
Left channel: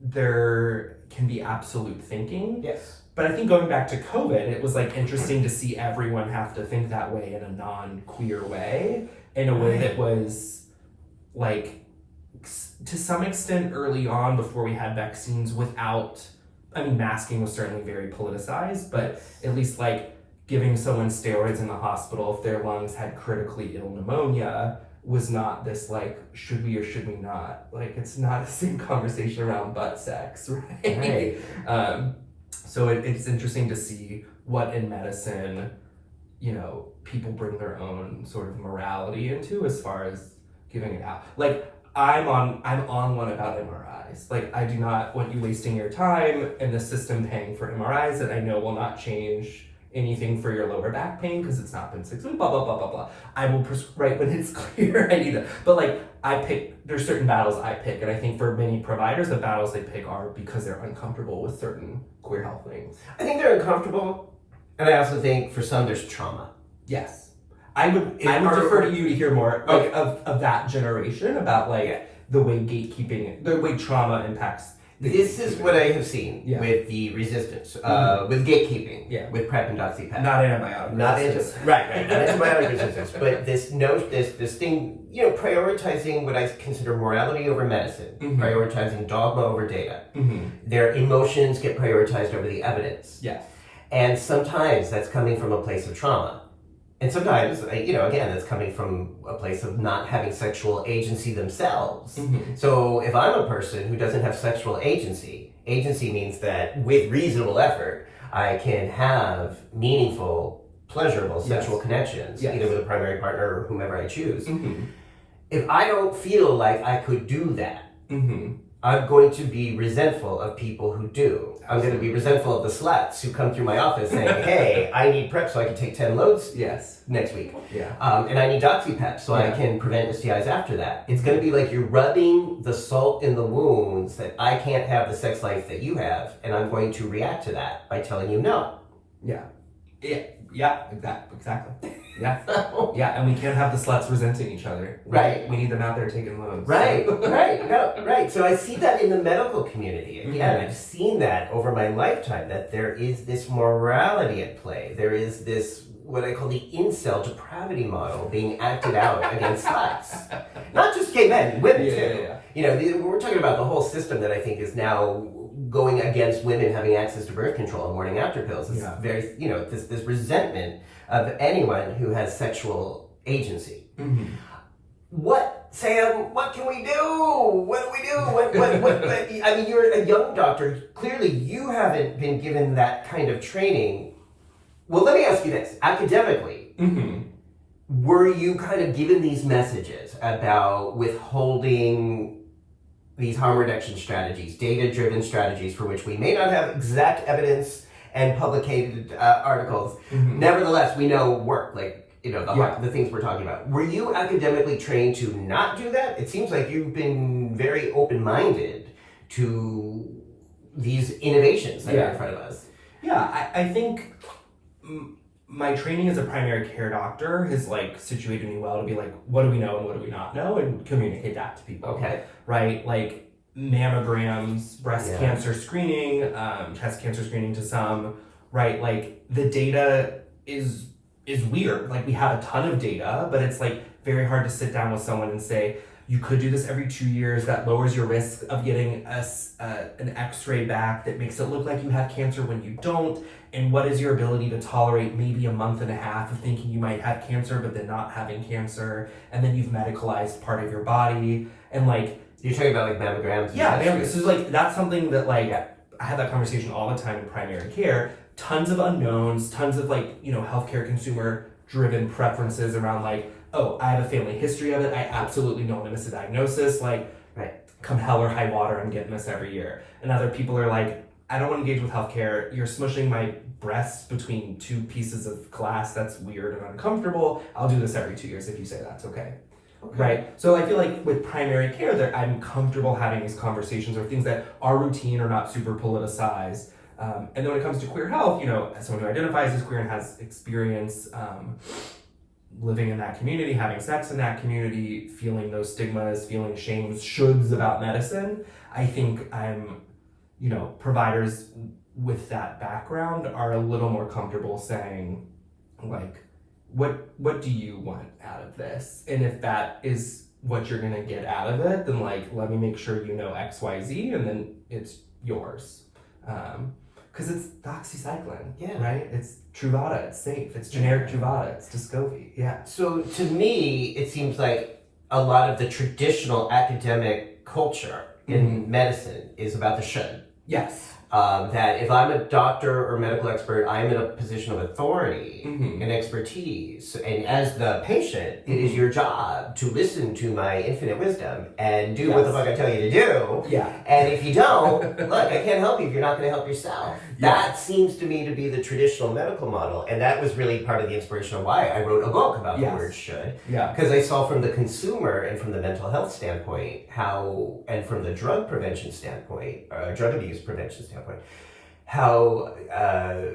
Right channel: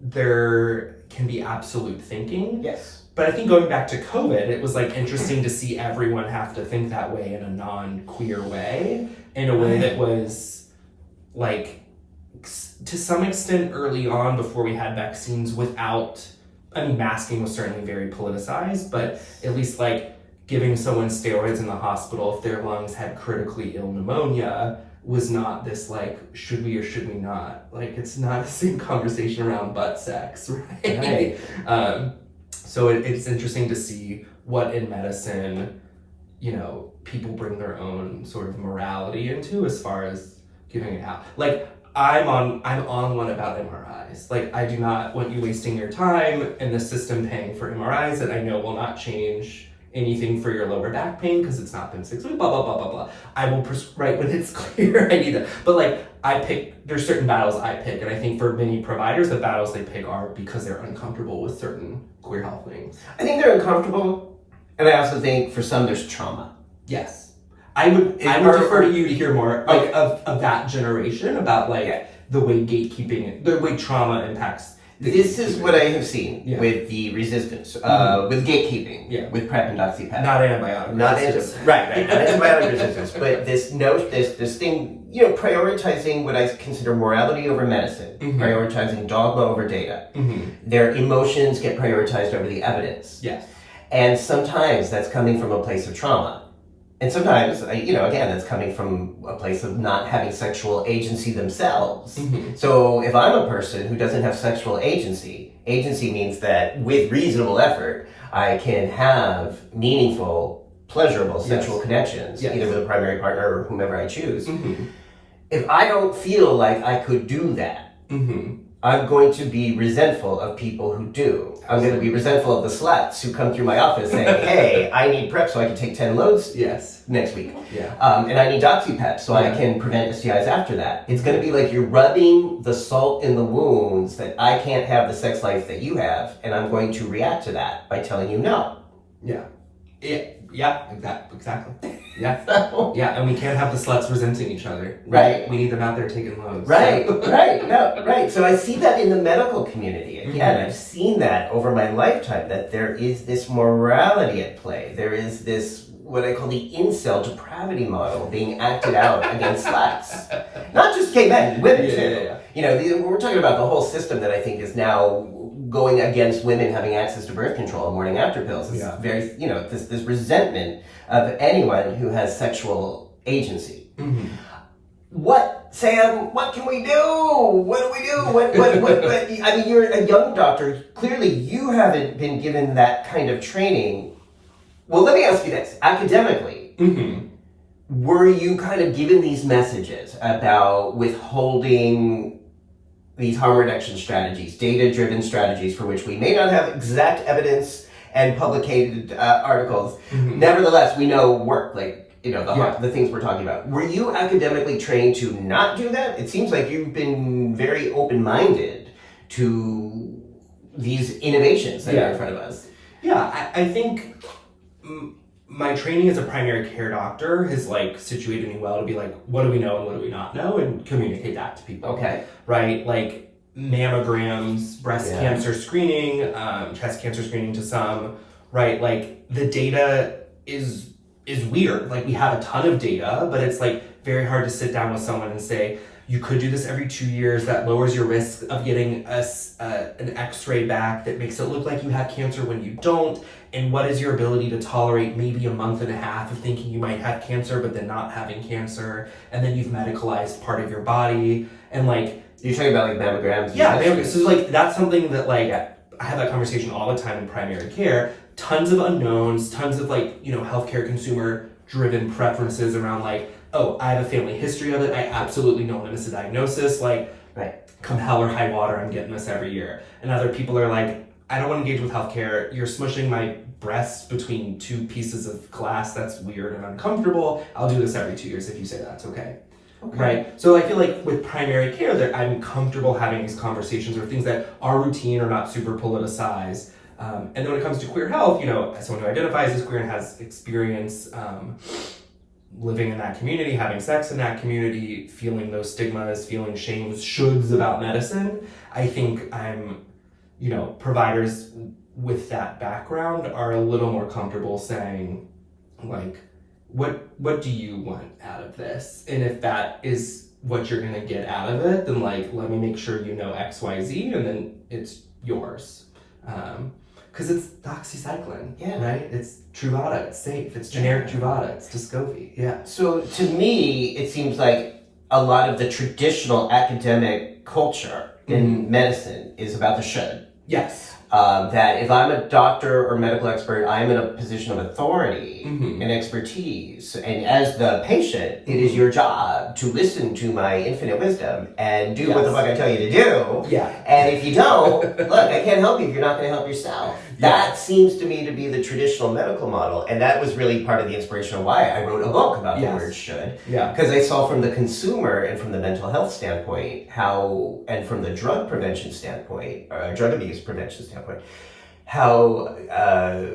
there can be absolute thinking. Yes. But I think going back to COVID, it was like interesting to see everyone have to think that way in a non-queer way, in a way that was like, to some extent early on before we had vaccines masking was certainly very politicized, but at least like giving someone steroids in the hospital if their lungs had critically ill pneumonia was not this like, should we or should we not? Like, it's not the same conversation around butt sex, right? So it's interesting to see what in medicine, people bring their own sort of morality into as far as giving it out. Like, I'm on one about MRIs. Like, I do not want you wasting your time and the system paying for MRIs that I know will not change anything for your lower back pain because it's not been 6 weeks, blah, blah, blah, blah, blah. I will prescribe when it's clear I need it. But like, there's certain battles I pick, and I think for many providers, the battles they pick are because they're uncomfortable with certain queer health things. I think they're uncomfortable, and I also think for some there's trauma. Yes. I would defer to you to hear more like of that generation about like the way gatekeeping, the way trauma impacts. This is what I have seen with the resistance, with gatekeeping, with PrEP and DoxyPEP. Not antibiotic resistance. Not antibiotic resistance, but this thing, prioritizing what I consider morality over medicine, prioritizing dogma over data. Their emotions get prioritized over the evidence. Yes. And sometimes that's coming from a place of trauma. And sometimes, again, that's coming from a place of not having sexual agency themselves. So if I'm a person who doesn't have sexual agency means that with reasonable effort, I can have meaningful, pleasurable sexual connections, either with a primary partner or whomever I choose. If I don't feel like I could do that, I'm going to be resentful of people who do. I'm going to be resentful of the sluts who come through my office saying, hey, I need PrEP so I can take 10 loads next week. And I need DoxyPEP so I can prevent STIs after that. It's going to be like you're rubbing the salt in the wounds that I can't have the sex life that you have, and I'm going to react to that by telling you no. Exactly. And we can't have the sluts resenting each other. We need them out there taking loads. So I see that in the medical community. Again, I've seen that over my lifetime, that there is this morality at play. There is this, what I call the incel depravity model being acted out against sluts. Not just gay men, women too. We're talking about the whole system that I think is now going against women having access to birth control and morning after pills. It's very, this resentment of anyone who has sexual agency. Sam, what can we do? What do we do? I mean, you're a young doctor. Clearly, you haven't been given that kind of training. Well, let me ask you this. Academically, were you kind of given these messages about withholding these harm reduction strategies, data-driven strategies for which we may not have exact evidence and publicated articles? Nevertheless, we know work, the things we're talking about. Were you academically trained to not do that? It seems like you've been very open-minded to these innovations that are in front of us. I think my training as a primary care doctor has situated me well to be like, what do we know and what do we not know, and communicate that to people. Right? Like mammograms, breast cancer screening, chest cancer screening to some, right? Like the data is weird. Like we have a ton of data, but it's very hard to sit down with someone and say, you could do this every 2 years. That lowers your risk of getting an x-ray back that makes it look like you have cancer when you don't. And what is your ability to tolerate maybe a month and a half of thinking you might have cancer, but then not having cancer. And then you've medicalized part of your body. And you're talking about mammograms. Yeah, so that's something that I have that conversation all the time in primary care. tons of unknowns, tons of like, healthcare consumer driven preferences around like, oh, I have a family history of it. I absolutely don't want to miss a diagnosis. Like, come hell or high water, I'm getting this every year. And other people are like, I don't want to engage with healthcare. You're smushing my breasts between two pieces of glass. That's weird and uncomfortable. I'll do this every 2 years if you say that's okay. Right? So I feel like with primary care, I'm comfortable having these conversations or things that are routine or not super politicized. And then when it comes to queer health, as someone who identifies as queer and has experience living in that community, having sex in that community, feeling those stigmas, feeling shames, shoulds about medicine, I think providers with that background are a little more comfortable saying, like, what do you want out of this? And if that is what you're gonna get out of it, then like, let me make sure you know XYZ, and then it's yours. Because it's doxycycline, right? It's Truvada, it's safe, it's generic Truvada, it's Descovy, So to me, it seems like a lot of the traditional academic culture in medicine is about the should. Yes. That if I'm a doctor or medical expert, I'm in a position of authority and expertise. And as the patient, it is your job to listen to my infinite wisdom and do what the fuck I tell you to do. And if you don't, look, I can't help you if you're not going to help yourself. That seems to me to be the traditional medical model. And that was really part of the inspiration of why I wrote a book about the word should. Because I saw from the consumer and from the mental health standpoint how, and from the drug prevention standpoint, drug abuse prevention standpoint, how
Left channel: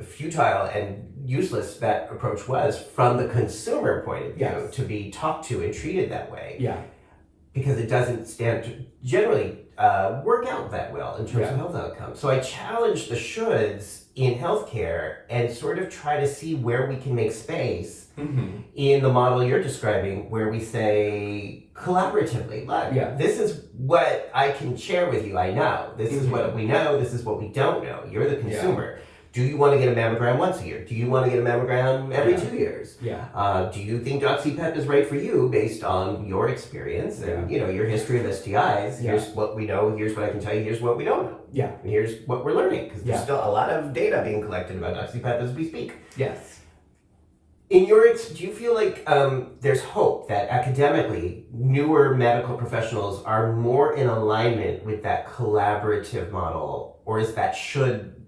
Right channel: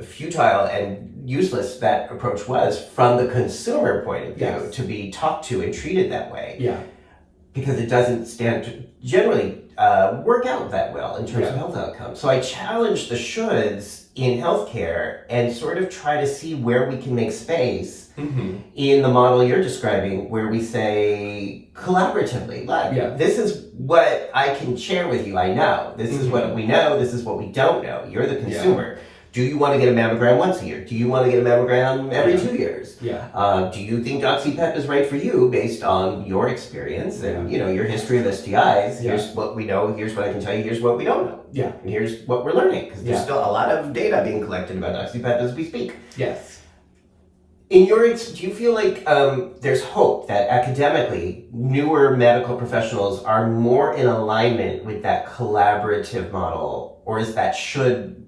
futile and useless that approach was from the consumer point of view to be talked to and treated that way. Because it doesn't stand to generally work out that well in terms of health outcomes. So I challenge the shoulds in healthcare and sort of try to see where we can make space in the model you're describing, where we say collaboratively, like, this is what I can share with you. I know. This is what we know. This is what we don't know. You're the consumer. Do you want to get a mammogram once a year? Do you want to get a mammogram every 2 years? Do you think DoxyPEP is right for you based on your experience and your history of STIs? Here's what we know. Here's what I can tell you. Here's what we don't know. And here's what we're learning, because there's still a lot of data being collected about DoxyPEP as we speak. In your do you feel like there's hope that academically newer medical professionals are more in alignment with that collaborative model, or is that should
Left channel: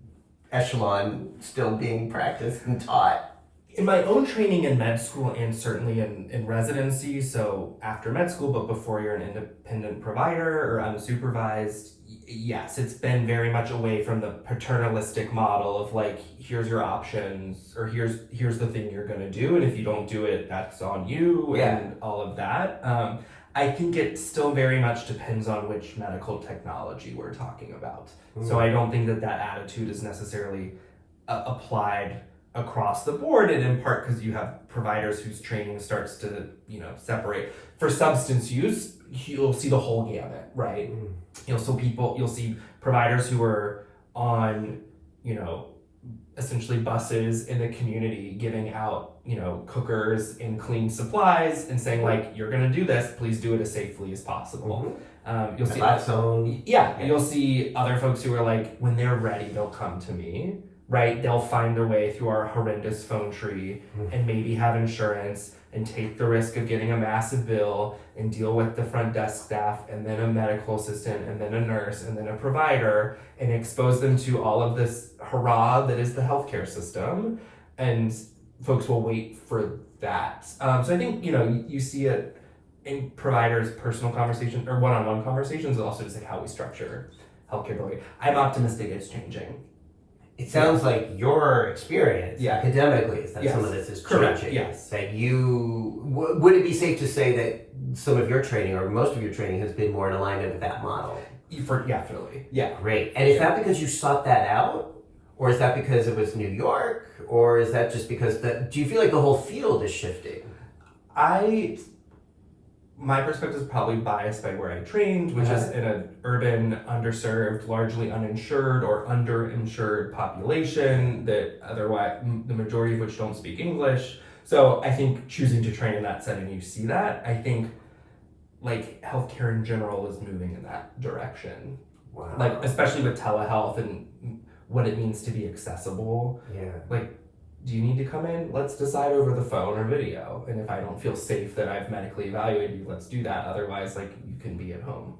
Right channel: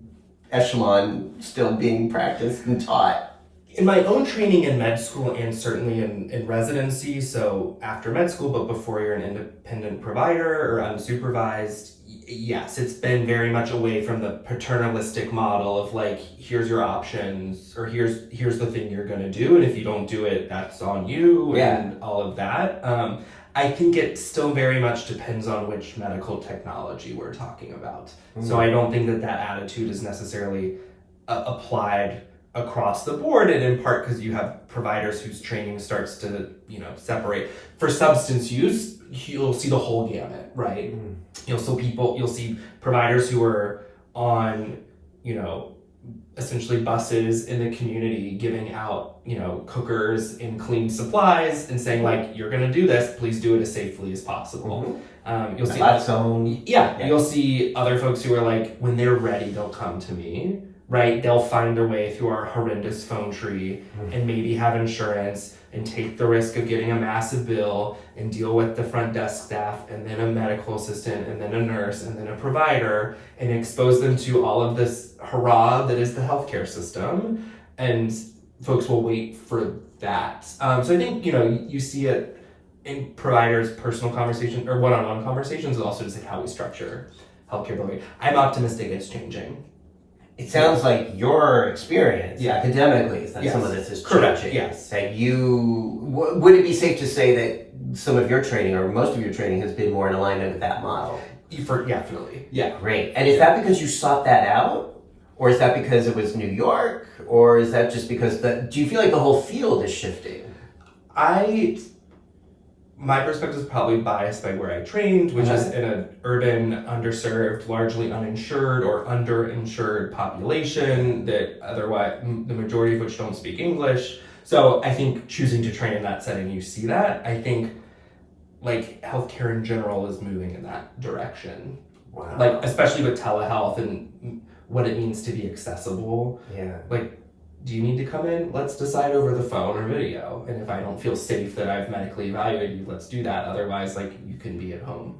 echelon still being practiced and taught? In my own training in med school and certainly in residency, so after med school but before you're an independent provider or unsupervised, yes, it's been very much away from the paternalistic model of like, here's your options, or here's the thing you're gonna do, and if you don't do it, that's on you, and all of that. I think it still very much depends on which medical technology we're talking about. So I don't think that attitude is necessarily applied across the board, and in part because you have providers whose training starts to separate. For substance use, you'll see the whole gamut, right? You'll see providers who are on essentially buses in the community giving out cookers and clean supplies and saying like, you're gonna do this, please do it as safely as possible. You'll see you'll see other folks who are like, when they're ready, they'll come to me. Right, they'll find their way through our horrendous phone tree and maybe have insurance and take the risk of getting a massive bill and deal with the front desk staff and then a medical assistant and then a nurse and then a provider and expose them to all of this hurrah that is the healthcare system, and folks will wait for that. So I think you see it in providers' personal conversation or one-on-one conversations, and also just like how we structure healthcare delivery. I'm optimistic it's changing. It sounds like your experience academically is that some of this is changing. Like would it be safe to say that some of your training or most of your training has been more in alignment with that model? Definitely. Great. And is that because you sought that out? Or is that because it was New York? Or is that just because do you feel like the whole field is shifting? My perspective is probably biased by where I trained, which is in an urban, underserved, largely uninsured or underinsured population that otherwise, the majority of which don't speak English. So I think choosing to train in that setting, you see that. I think like healthcare in general is moving in that direction. Like especially with telehealth and what it means to be accessible. Yeah. Like, do you need to come in? Let's decide over the phone or video. And if I don't feel safe that I've medically evaluated you, let's do that. Otherwise, like, you can be at home.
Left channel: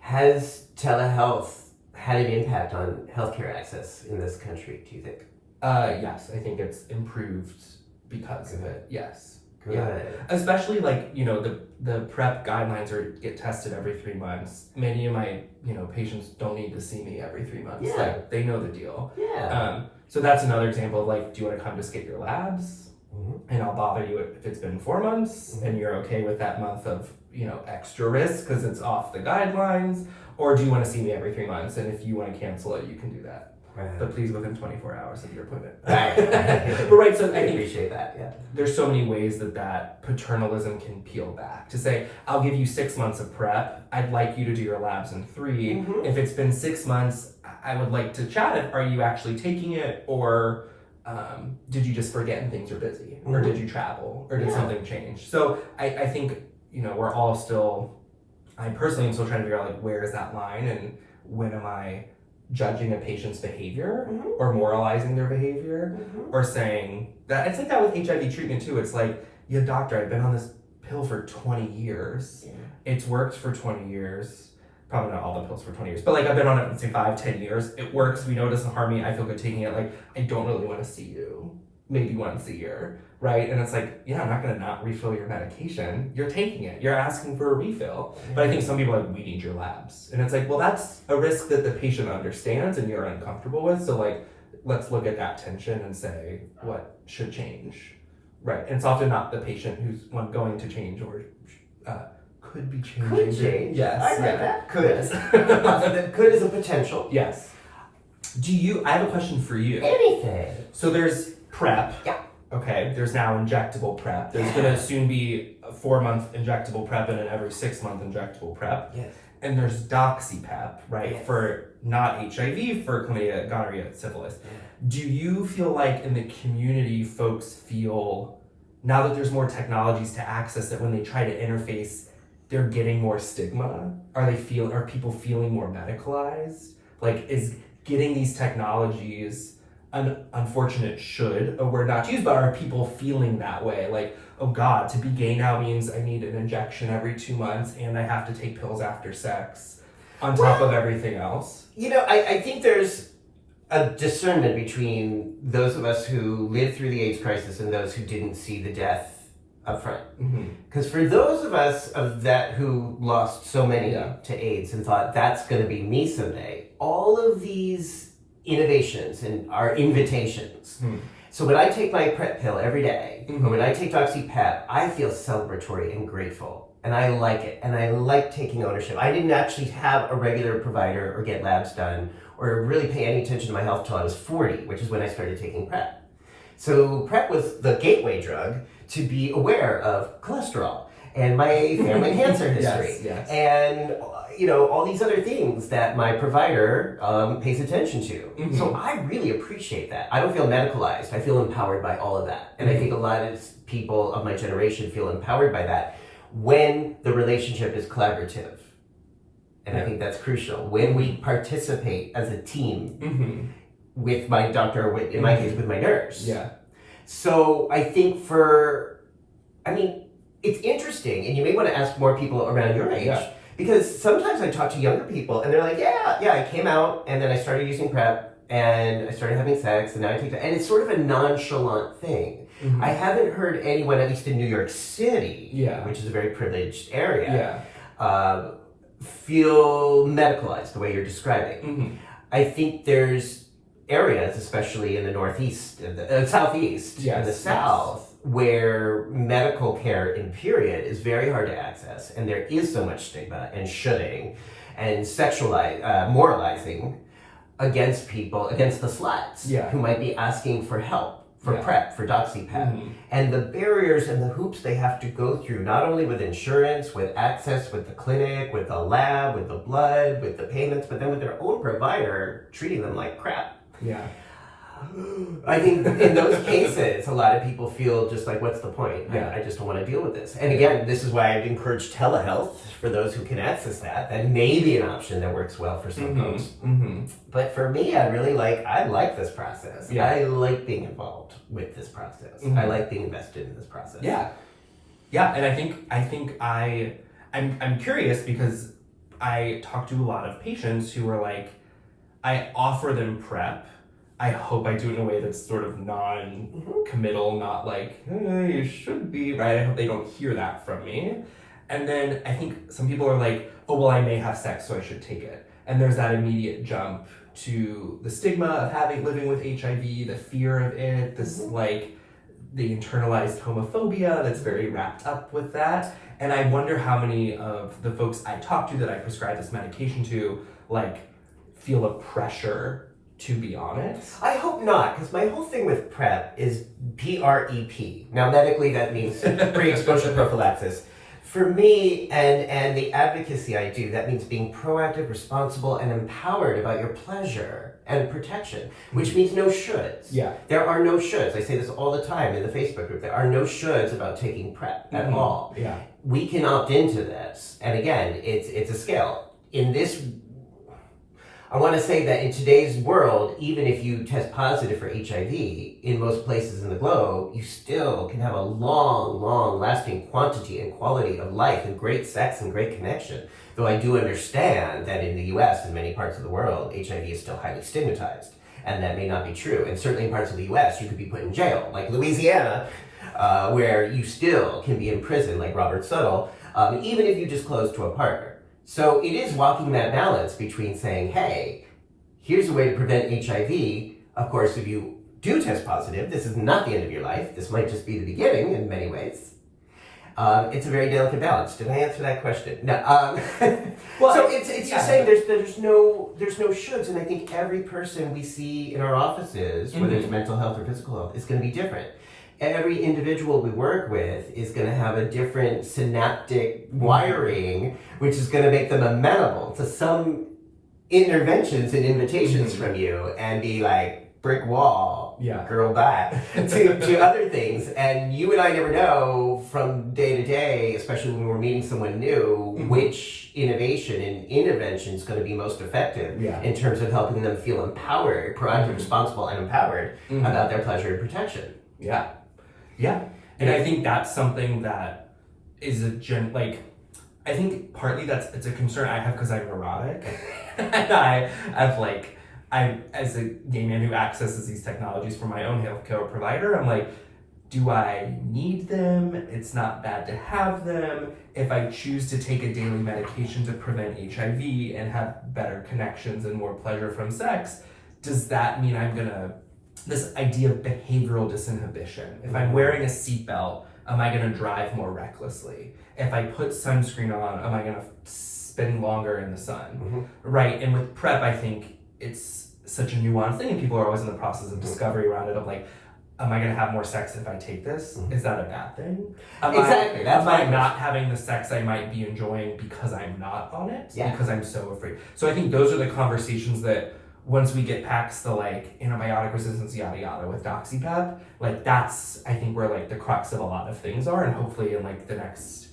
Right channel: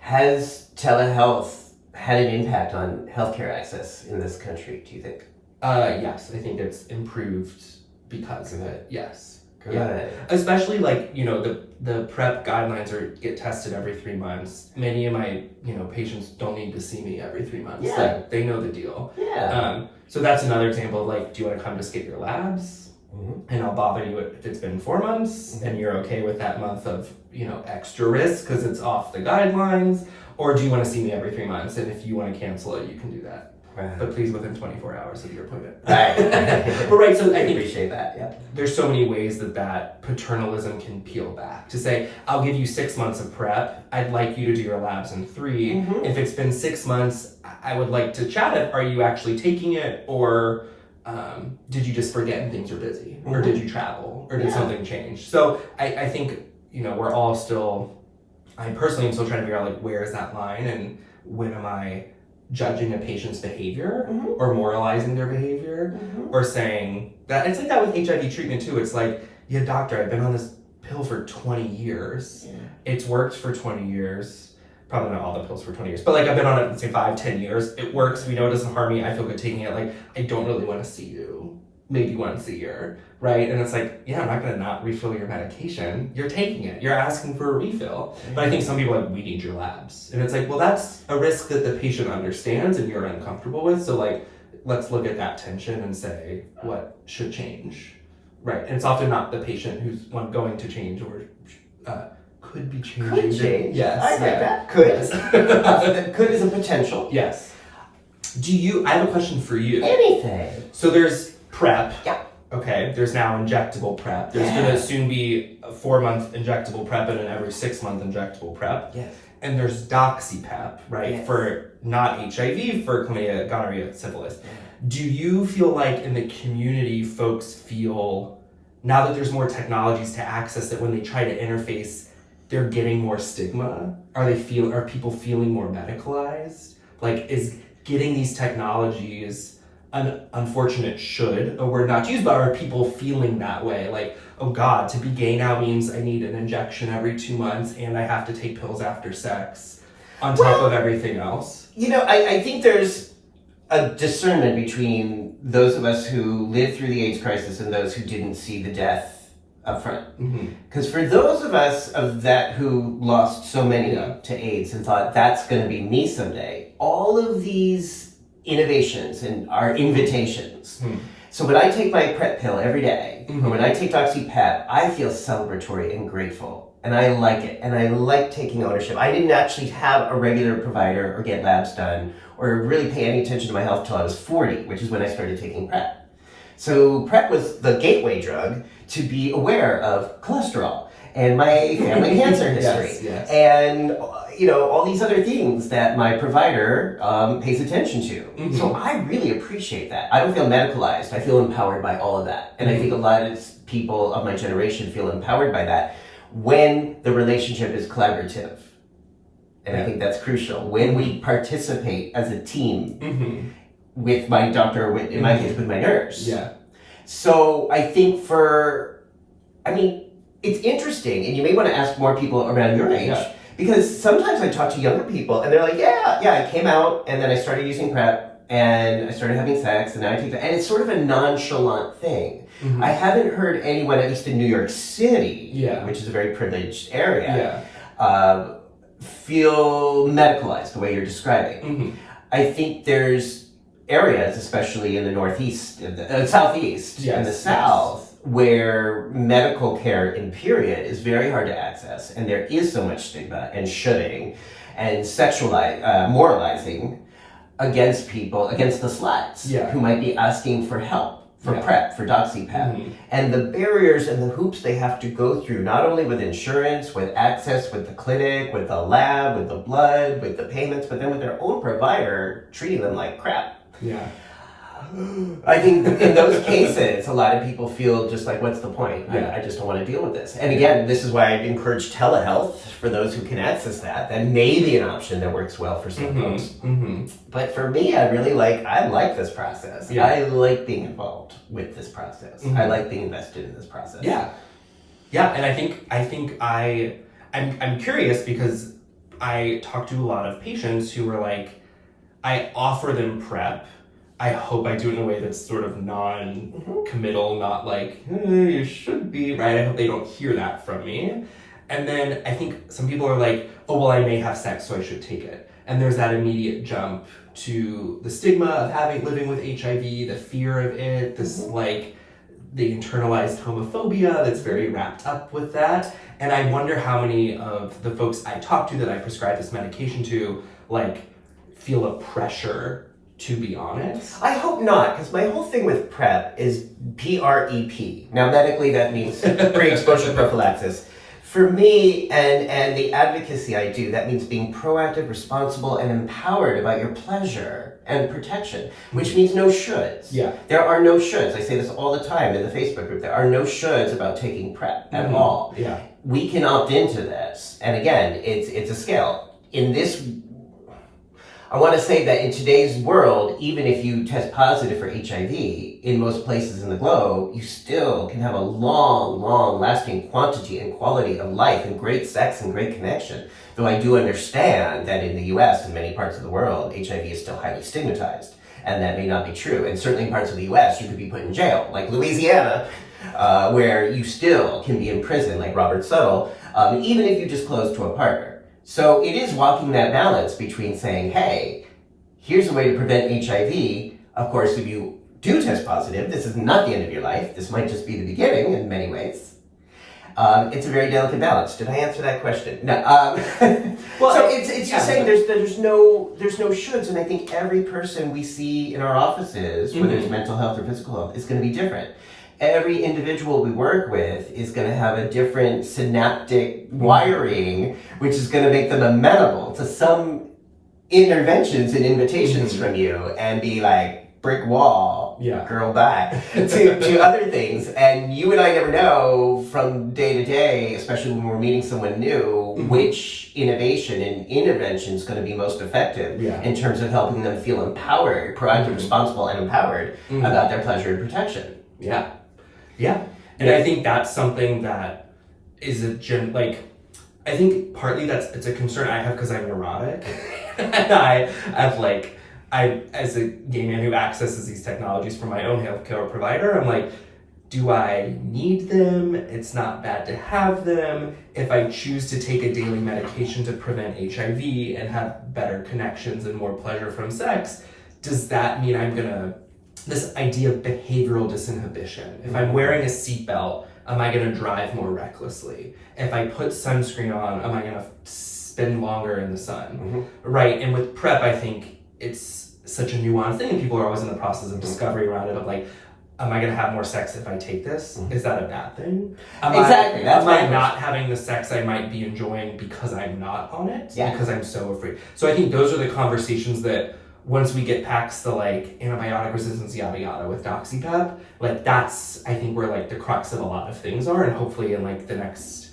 Has telehealth had an impact on healthcare access in this country, do you think? Yes, I think it's improved because of it. Yes. Good. Yeah. Especially like, you know, the PrEP guidelines get tested every 3 months. Many of my, you know, patients don't need to see me every 3 months. Yeah. Like, they know the deal. Yeah. So that's another example of like, do you want to come just get your labs? Mm-hmm. And I'll bother you if it's been 4 months and you're okay with that month of, you know, extra risk because it's off the guidelines, or do you want to see me every 3 months? And if you want to cancel it, you can do that. Right. But please within 24 hours of your appointment. Right. But right, so I think appreciate that. Yeah. there's so many ways that paternalism can peel back. To say, I'll give you 6 months of PrEP. I'd like you to do your labs in 3. Mm-hmm. If it's been 6 months, I would like to chat it. Are you actually taking it, or did you just forget and things are busy, or did you travel, or did something change? So I think, you know, we're all still. I personally am still trying to figure out like, where is that line, and when am I judging a patient's behavior or moralizing their behavior or saying that it's like that with HIV treatment too. It's like, yeah, doctor, I've been on this pill for 20 years. Yeah. It's worked for 20 years. Probably not all the pills for 20 years, but like I've been on it, let's say 5-10 years. It works. We know it doesn't harm me. I feel good taking it. Like, I don't really want to see you maybe once a year, right? And it's like, yeah, I'm not going to not refill your medication. You're taking it. You're asking for a refill. But I think some people are like, we need your labs. And it's like, well, that's a risk that the patient understands and you're uncomfortable with. So like, let's look at that tension and say, what should change, right? And it's often not the patient who's going to change or could be changing. Could change. Yes. I like yeah. that. Could. Yes. Could is a potential. Yes. I have a question for you. Anything. So there's PrEP. Yeah. Okay, there's now injectable PrEP. There's going to soon be a 4-month injectable PrEP and an every 6-month injectable PrEP. Yes. And there's DoxyPEP, right? Yes. For not HIV, for chlamydia, gonorrhea, syphilis. Do you feel like in the community, folks feel, now that there's more technologies to access it, when they try to interface, they're getting more stigma? Are people feeling more medicalized? Like, is getting these technologies an unfortunate a word not to use, but are people feeling that way? Like, oh God, to be gay now means I need an injection every 2 months and I have to take pills after sex on top of everything else? You know, I think there's a discernment between those of us who lived through the AIDS crisis and those who didn't see the death up front. Because for those of us who lost so many to AIDS and thought that's going to be me someday, all of these innovations and are invitations. So when I take my PrEP pill every day, or when I take DoxyPEP, I feel celebratory and grateful. And I like it. And I like taking ownership. I didn't actually have a regular provider or get labs done or really pay any attention to my health until I was 40, which is when I started taking PrEP. So PrEP was the gateway drug to be aware of cholesterol and my family cancer history. Yes. And you know, all these other things that my provider pays attention to. So I really appreciate that. I don't feel medicalized. I feel empowered by all of that. And I think a lot of people of my generation feel empowered by that when the relationship is collaborative. And I think that's crucial. When we participate as a team with my doctor, or in my case, with my nurse. Yeah. So I think it's interesting, and you may want to ask more people around your age. Yeah. Because sometimes I talk to younger people and they're like, yeah, I came out and then I started using PrEP and I started having sex and now I take that. And it's sort of a nonchalant thing. I haven't heard anyone, at least in New York City, which is a very privileged area, feel medicalized the way you're describing. I think there's areas, especially in the Northeast, Southeast, and the South, where medical care in period is very hard to access, and there is so much stigma and shunning and moralizing against people, against the sluts who might be asking for help, for PrEP, for DoxyPEP. And the barriers and the hoops they have to go through, not only with insurance, with access, with the clinic, with the lab, with the blood, with the payments, but then with their own provider treating them like crap. I think in those cases, a lot of people feel just like, what's the point? Yeah. I just don't want to deal with this. And again, this is why I encourage telehealth for those who can access that. That may be an option that works well for some folks. Mm-hmm. But for me, I like this process. Yeah. I like being involved with this process. Mm-hmm. I like being invested in this process. Yeah. Yeah, and I'm curious because I talk to a lot of patients who are like, I offer them PrEP. I hope I do it in a way that's sort of non-committal, not like, you should be, right? I hope they don't hear that from me. And then I think some people are like, oh, well, I may have sex, so I should take it. And there's that immediate jump to the stigma of living with HIV, the fear of it, this like, the internalized homophobia that's very wrapped up with that. And I wonder how many of the folks I talk to that I prescribe this medication to, like, feel a pressure to be honest. I hope not, because my whole thing with PrEP is PrEP. Now, medically, that means pre-exposure prophylaxis. For me and the advocacy I do, that means being proactive, responsible, and empowered about your pleasure and protection, which means no shoulds. Yeah. There are no shoulds. I say this all the time in the Facebook group. There are no shoulds about taking PrEP at all. Yeah. We can opt into this. And again, it's a scale. In this, I want to say that in today's world, even if you test positive for HIV, in most places in the globe, you still can have a long, lasting quantity and quality of life and great sex and great connection. Though I do understand that in the US and many parts of the world, HIV is still highly stigmatized. And that may not be true. And certainly in parts of the US, you could be put in jail, like Louisiana, where you still can be in prison, like Robert Suttle, even if you disclose to a partner. So it is walking that balance between saying, hey, here's a way to prevent HIV. Of course, if you do test positive, this is not the end of your life. This might just be the beginning in many ways. It's a very delicate balance. Did I answer that question? No. Well, so it's just saying there's no shoulds, and I think every person we see in our offices, whether it's mental health or physical health, is going to be different. Every individual we work with is going to have a different synaptic wiring, which is going to make them amenable to some interventions and invitations from you, and be like brick wall, girl back, to other things. And you and I never know from day to day, especially when we're meeting someone new, which innovation and intervention is going to be most effective in terms of helping them feel empowered, proactive, responsible, and empowered about their pleasure and protection. Yeah. Yeah. And I think that's something that is I think partly it's a concern I have because I'm neurotic. And I have as a gay man who accesses these technologies from my own healthcare provider, I'm like, do I need them? It's not bad to have them. If I choose to take a daily medication to prevent HIV and have better connections and more pleasure from sex, does that mean I'm gonna this idea of behavioral disinhibition? If I'm wearing a seatbelt, am I going to drive more recklessly? If I put sunscreen on, am I going to spend longer in the sun? Right? And with PrEP, I think it's such a nuanced thing, and people are always in the process of discovery around it of like, am I going to have more sex if I take this? Is that a bad thing? Exactly. Am I not having the sex I might be enjoying because I'm not on it? Because I'm so afraid. So I think those are the conversations that once we get past the like antibiotic resistance yada yada with DoxyPEP, like that's I think where like the crux of a lot of things are, and hopefully in like the next,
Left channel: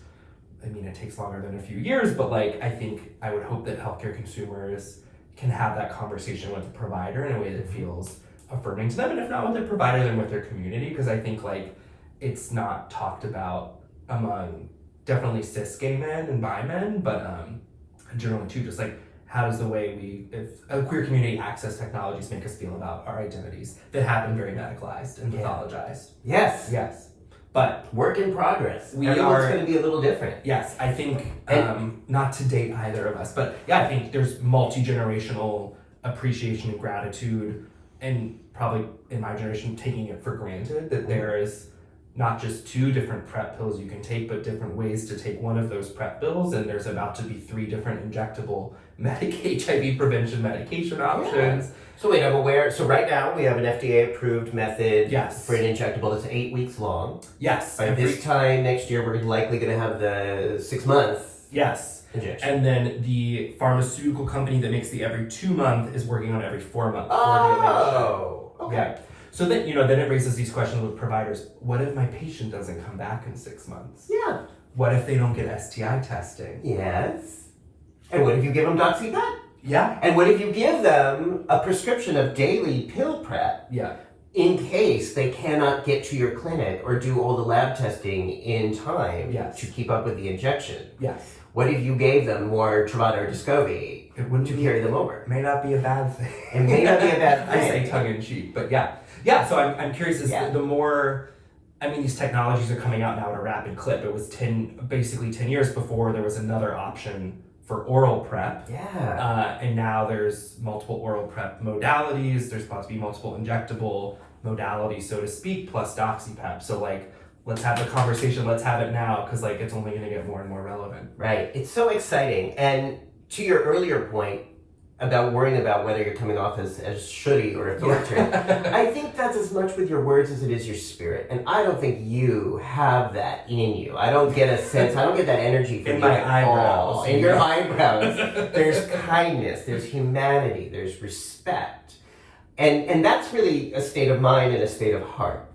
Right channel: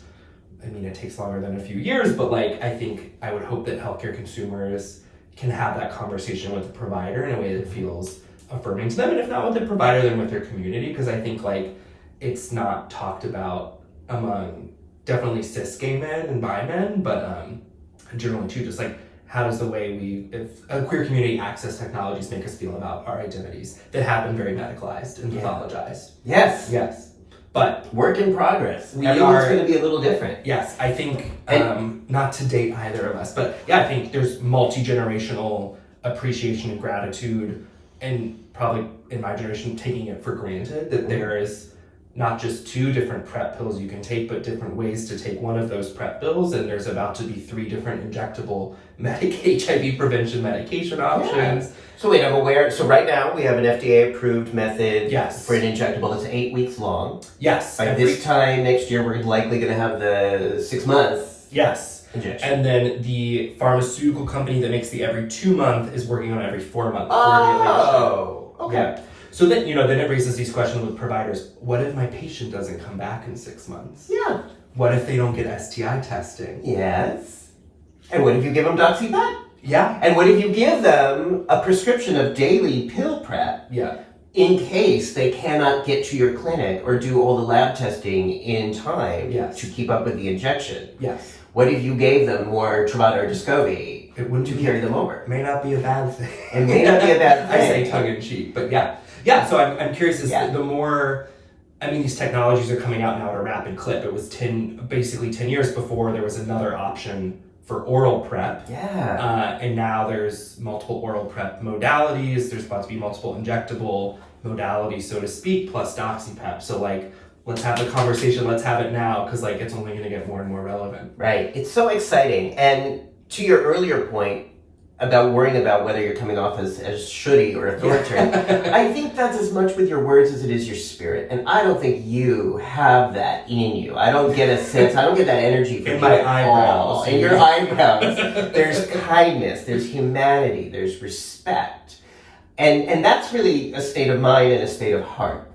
I mean it takes longer than a few years, but like I would hope that healthcare consumers can have that conversation with the provider in a way that feels affirming to them, and if not with the provider, then with their community, because I think like it's not talked about among definitely cis gay men and bi men, but generally too, just like how does the way if a queer community access technologies make us feel about our identities that have been very medicalized and pathologized? Yes. But work in progress. Everyone's going to be a little different. Yes, I think, not to date either of us, but yeah, I think there's multi-generational appreciation and gratitude, and probably in my generation taking it for granted that there is not just 2 different PrEP pills you can take, but different ways to take one of those PrEP pills, and there's about to be 3 different injectable HIV prevention medication options. So wait, I'm aware. So right now we have an FDA-approved method for an injectable that's 8 weeks long. Yes. By this time next year, we're likely going to have the 6-month injection. And then the pharmaceutical company that makes the every 2 month is working on every 4 month formulation. Okay. Yeah. So then, then it raises these questions with providers. What if my patient doesn't come back in 6 months? Yeah. What if they don't get STI testing? Yes. And what if you give them DoxyPEP? Yeah. And what if you give them a prescription of daily pill prep? Yeah. In case they cannot get to your clinic or do all the lab testing in time to keep up with the injection? Yes. What if you gave them more Truvada or Descovy to carry them over? May not be a bad thing. It may not be a bad thing. I say tongue in cheek, but yeah. Yeah, so I'm curious, the more, these technologies are coming out now at a rapid clip. It was 10 years before there was another option for oral prep. Yeah. And now there's multiple oral prep modalities. There's about to be multiple injectable modalities, so to speak, plus DoxyPEP. So let's have the conversation. Let's have it now, because it's only going to get more and more relevant. Right. It's so exciting. And to your earlier point about worrying about whether you're coming off as shooty or authoritarian, I think that's as much with your words as it is your spirit. And I don't think you have that in you. I don't get a sense, I don't get that energy from in my eyebrows. In your eyebrows. There's kindness, there's humanity, there's respect. And that's really a state of mind and a state of heart.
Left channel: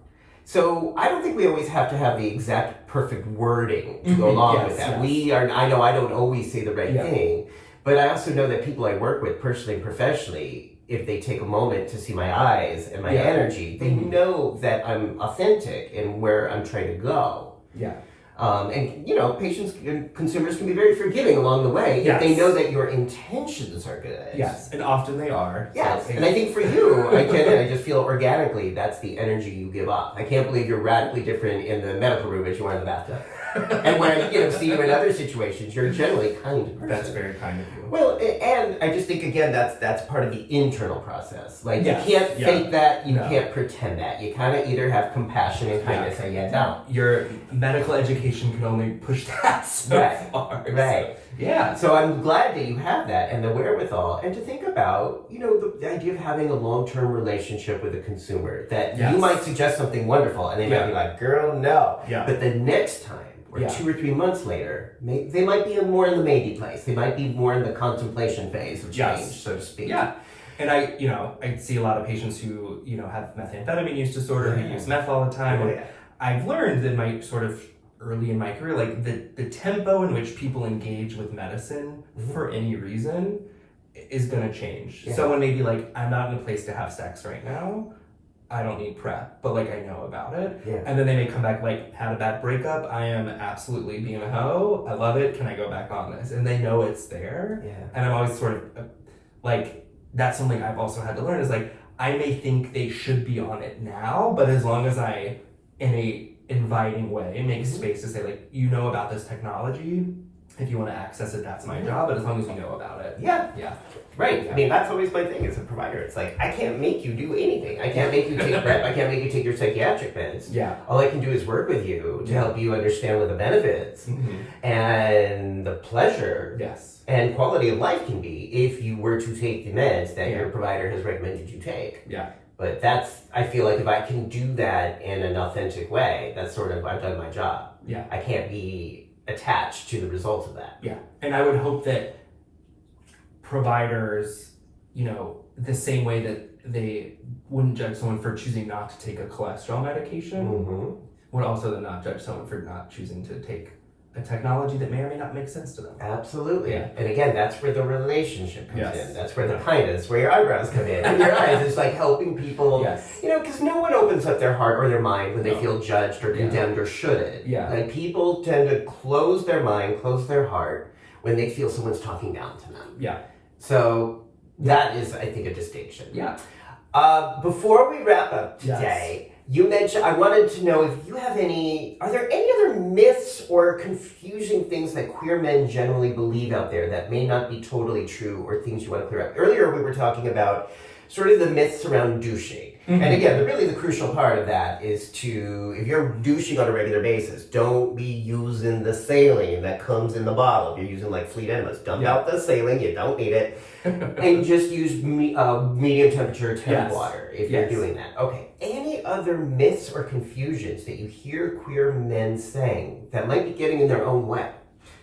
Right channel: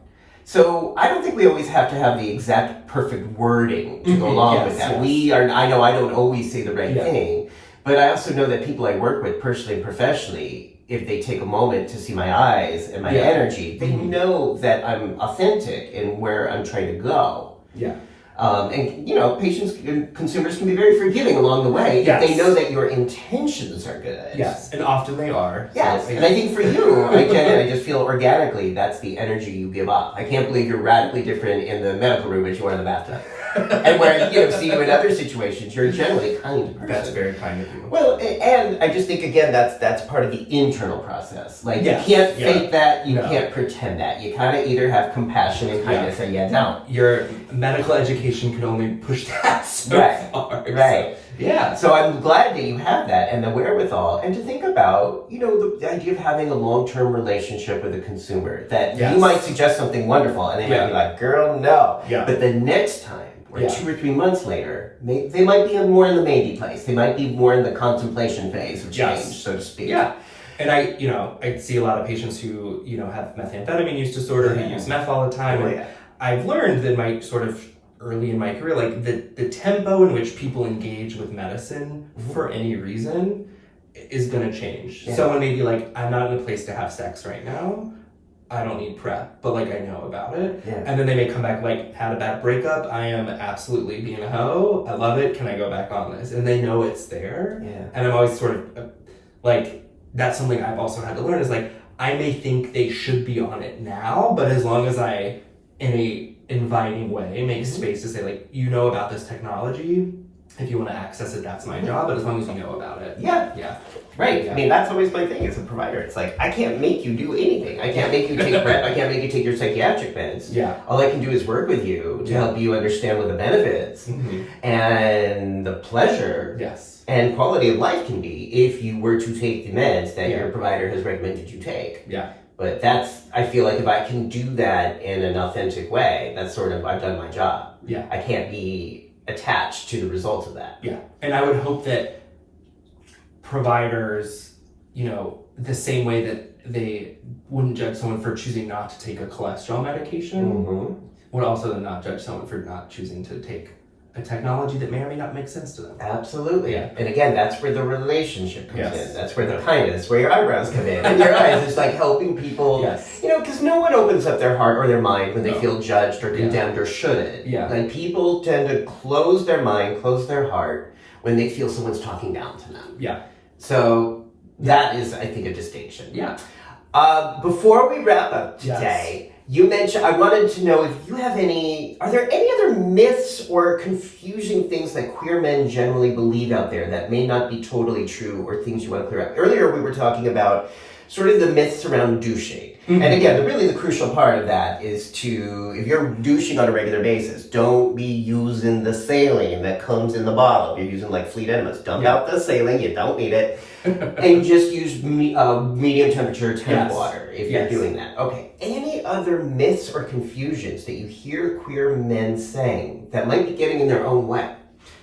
So I don't think we always have to have the exact perfect wording to go along with that. Yes. I know I don't always say the right thing, but I also know that people I work with personally and professionally, if they take a moment to see my eyes and my energy, they know that I'm authentic in where I'm trying to go. Yeah. And patients and consumers can be very forgiving along the way if they know that your intentions are good. Yes, and often they are. Yes, and I think for you, I just feel organically that's the energy you give up. I can't believe you're radically different in the medical room as you are in the bathtub. And where see you in other situations, you're a generally kind person. That's very kind of you. Well, and I just think again that's part of the internal process. You can't fake that, you can't pretend that. You kind of either have compassion and kindness or you don't. Your medical education can only push that so far. Right. Yeah. So I'm glad that you have that and the wherewithal, and to think about, the idea of having a long-term relationship with a consumer, that you might suggest something wonderful and they might be like, girl, no. Yeah. But the next time, or 2 or 3 months later, they might be more in the maybe place. They might be more in the contemplation phase of change, so to speak. Yeah. And I see a lot of patients who, have methamphetamine use disorder, who use meth all the time. And I've learned in my sort of early in my career, the tempo in which people engage with medicine for any reason is going to change. Yeah. Someone may be like, I'm not in a place to have sex right now. I don't need prep, but I know about it. Yeah. And then they may come back had a bad breakup. I am absolutely being a hoe. I love it. Can I go back on this? And they know it's there. Yeah. And I'm always sort of that's something I've also had to learn is I may think they should be on it now, but as long as I, in a inviting way, make space to say about this technology, if you want to access it, that's my job, but as long as you know about it. Yeah. Yeah. Right. Yeah. That's always my thing as a provider. It's I can't make you do anything. I can't make you take prep. I can't make you take your psychiatric meds. Yeah. All I can do is work with you to help you understand what the benefits and the pleasure and quality of life can be if you were to take the meds that your provider has recommended you take. Yeah. But I feel if I can do that in an authentic way, that's sort of, I've done my job. Yeah. I can't be attached to the results of that. Yeah. And I would hope that providers, the same way that they wouldn't judge someone for choosing not to take a cholesterol medication, would also then not judge someone for not choosing to take a technology that may or may not make sense to them. Absolutely. Yeah. And again, that's where the relationship comes in. That's where the kindness, where your eyebrows come in. And your eyes is helping people, because no one opens up their heart or their mind when they feel judged or condemned or shouldn't. Yeah. People tend to close their mind, close their heart when they feel someone's talking down to them. Yeah. So that is, I think, a distinction. Yeah. Before we wrap up today, you mentioned, I wanted to know if you have are there any other myths or confusing things that queer men generally believe out there that may not be totally true, or things you want to clear up? Earlier we were talking about sort of the myths around douching. And again, really the crucial part of that is if you're douching on a regular basis, don't be using the saline that comes in the bottle. If you're using Fleet Enemas, dump out the saline, you don't need it. And just use medium temperature temp water if you're doing that. Okay. Any other myths or confusions that you hear queer men saying that might be getting in their own way?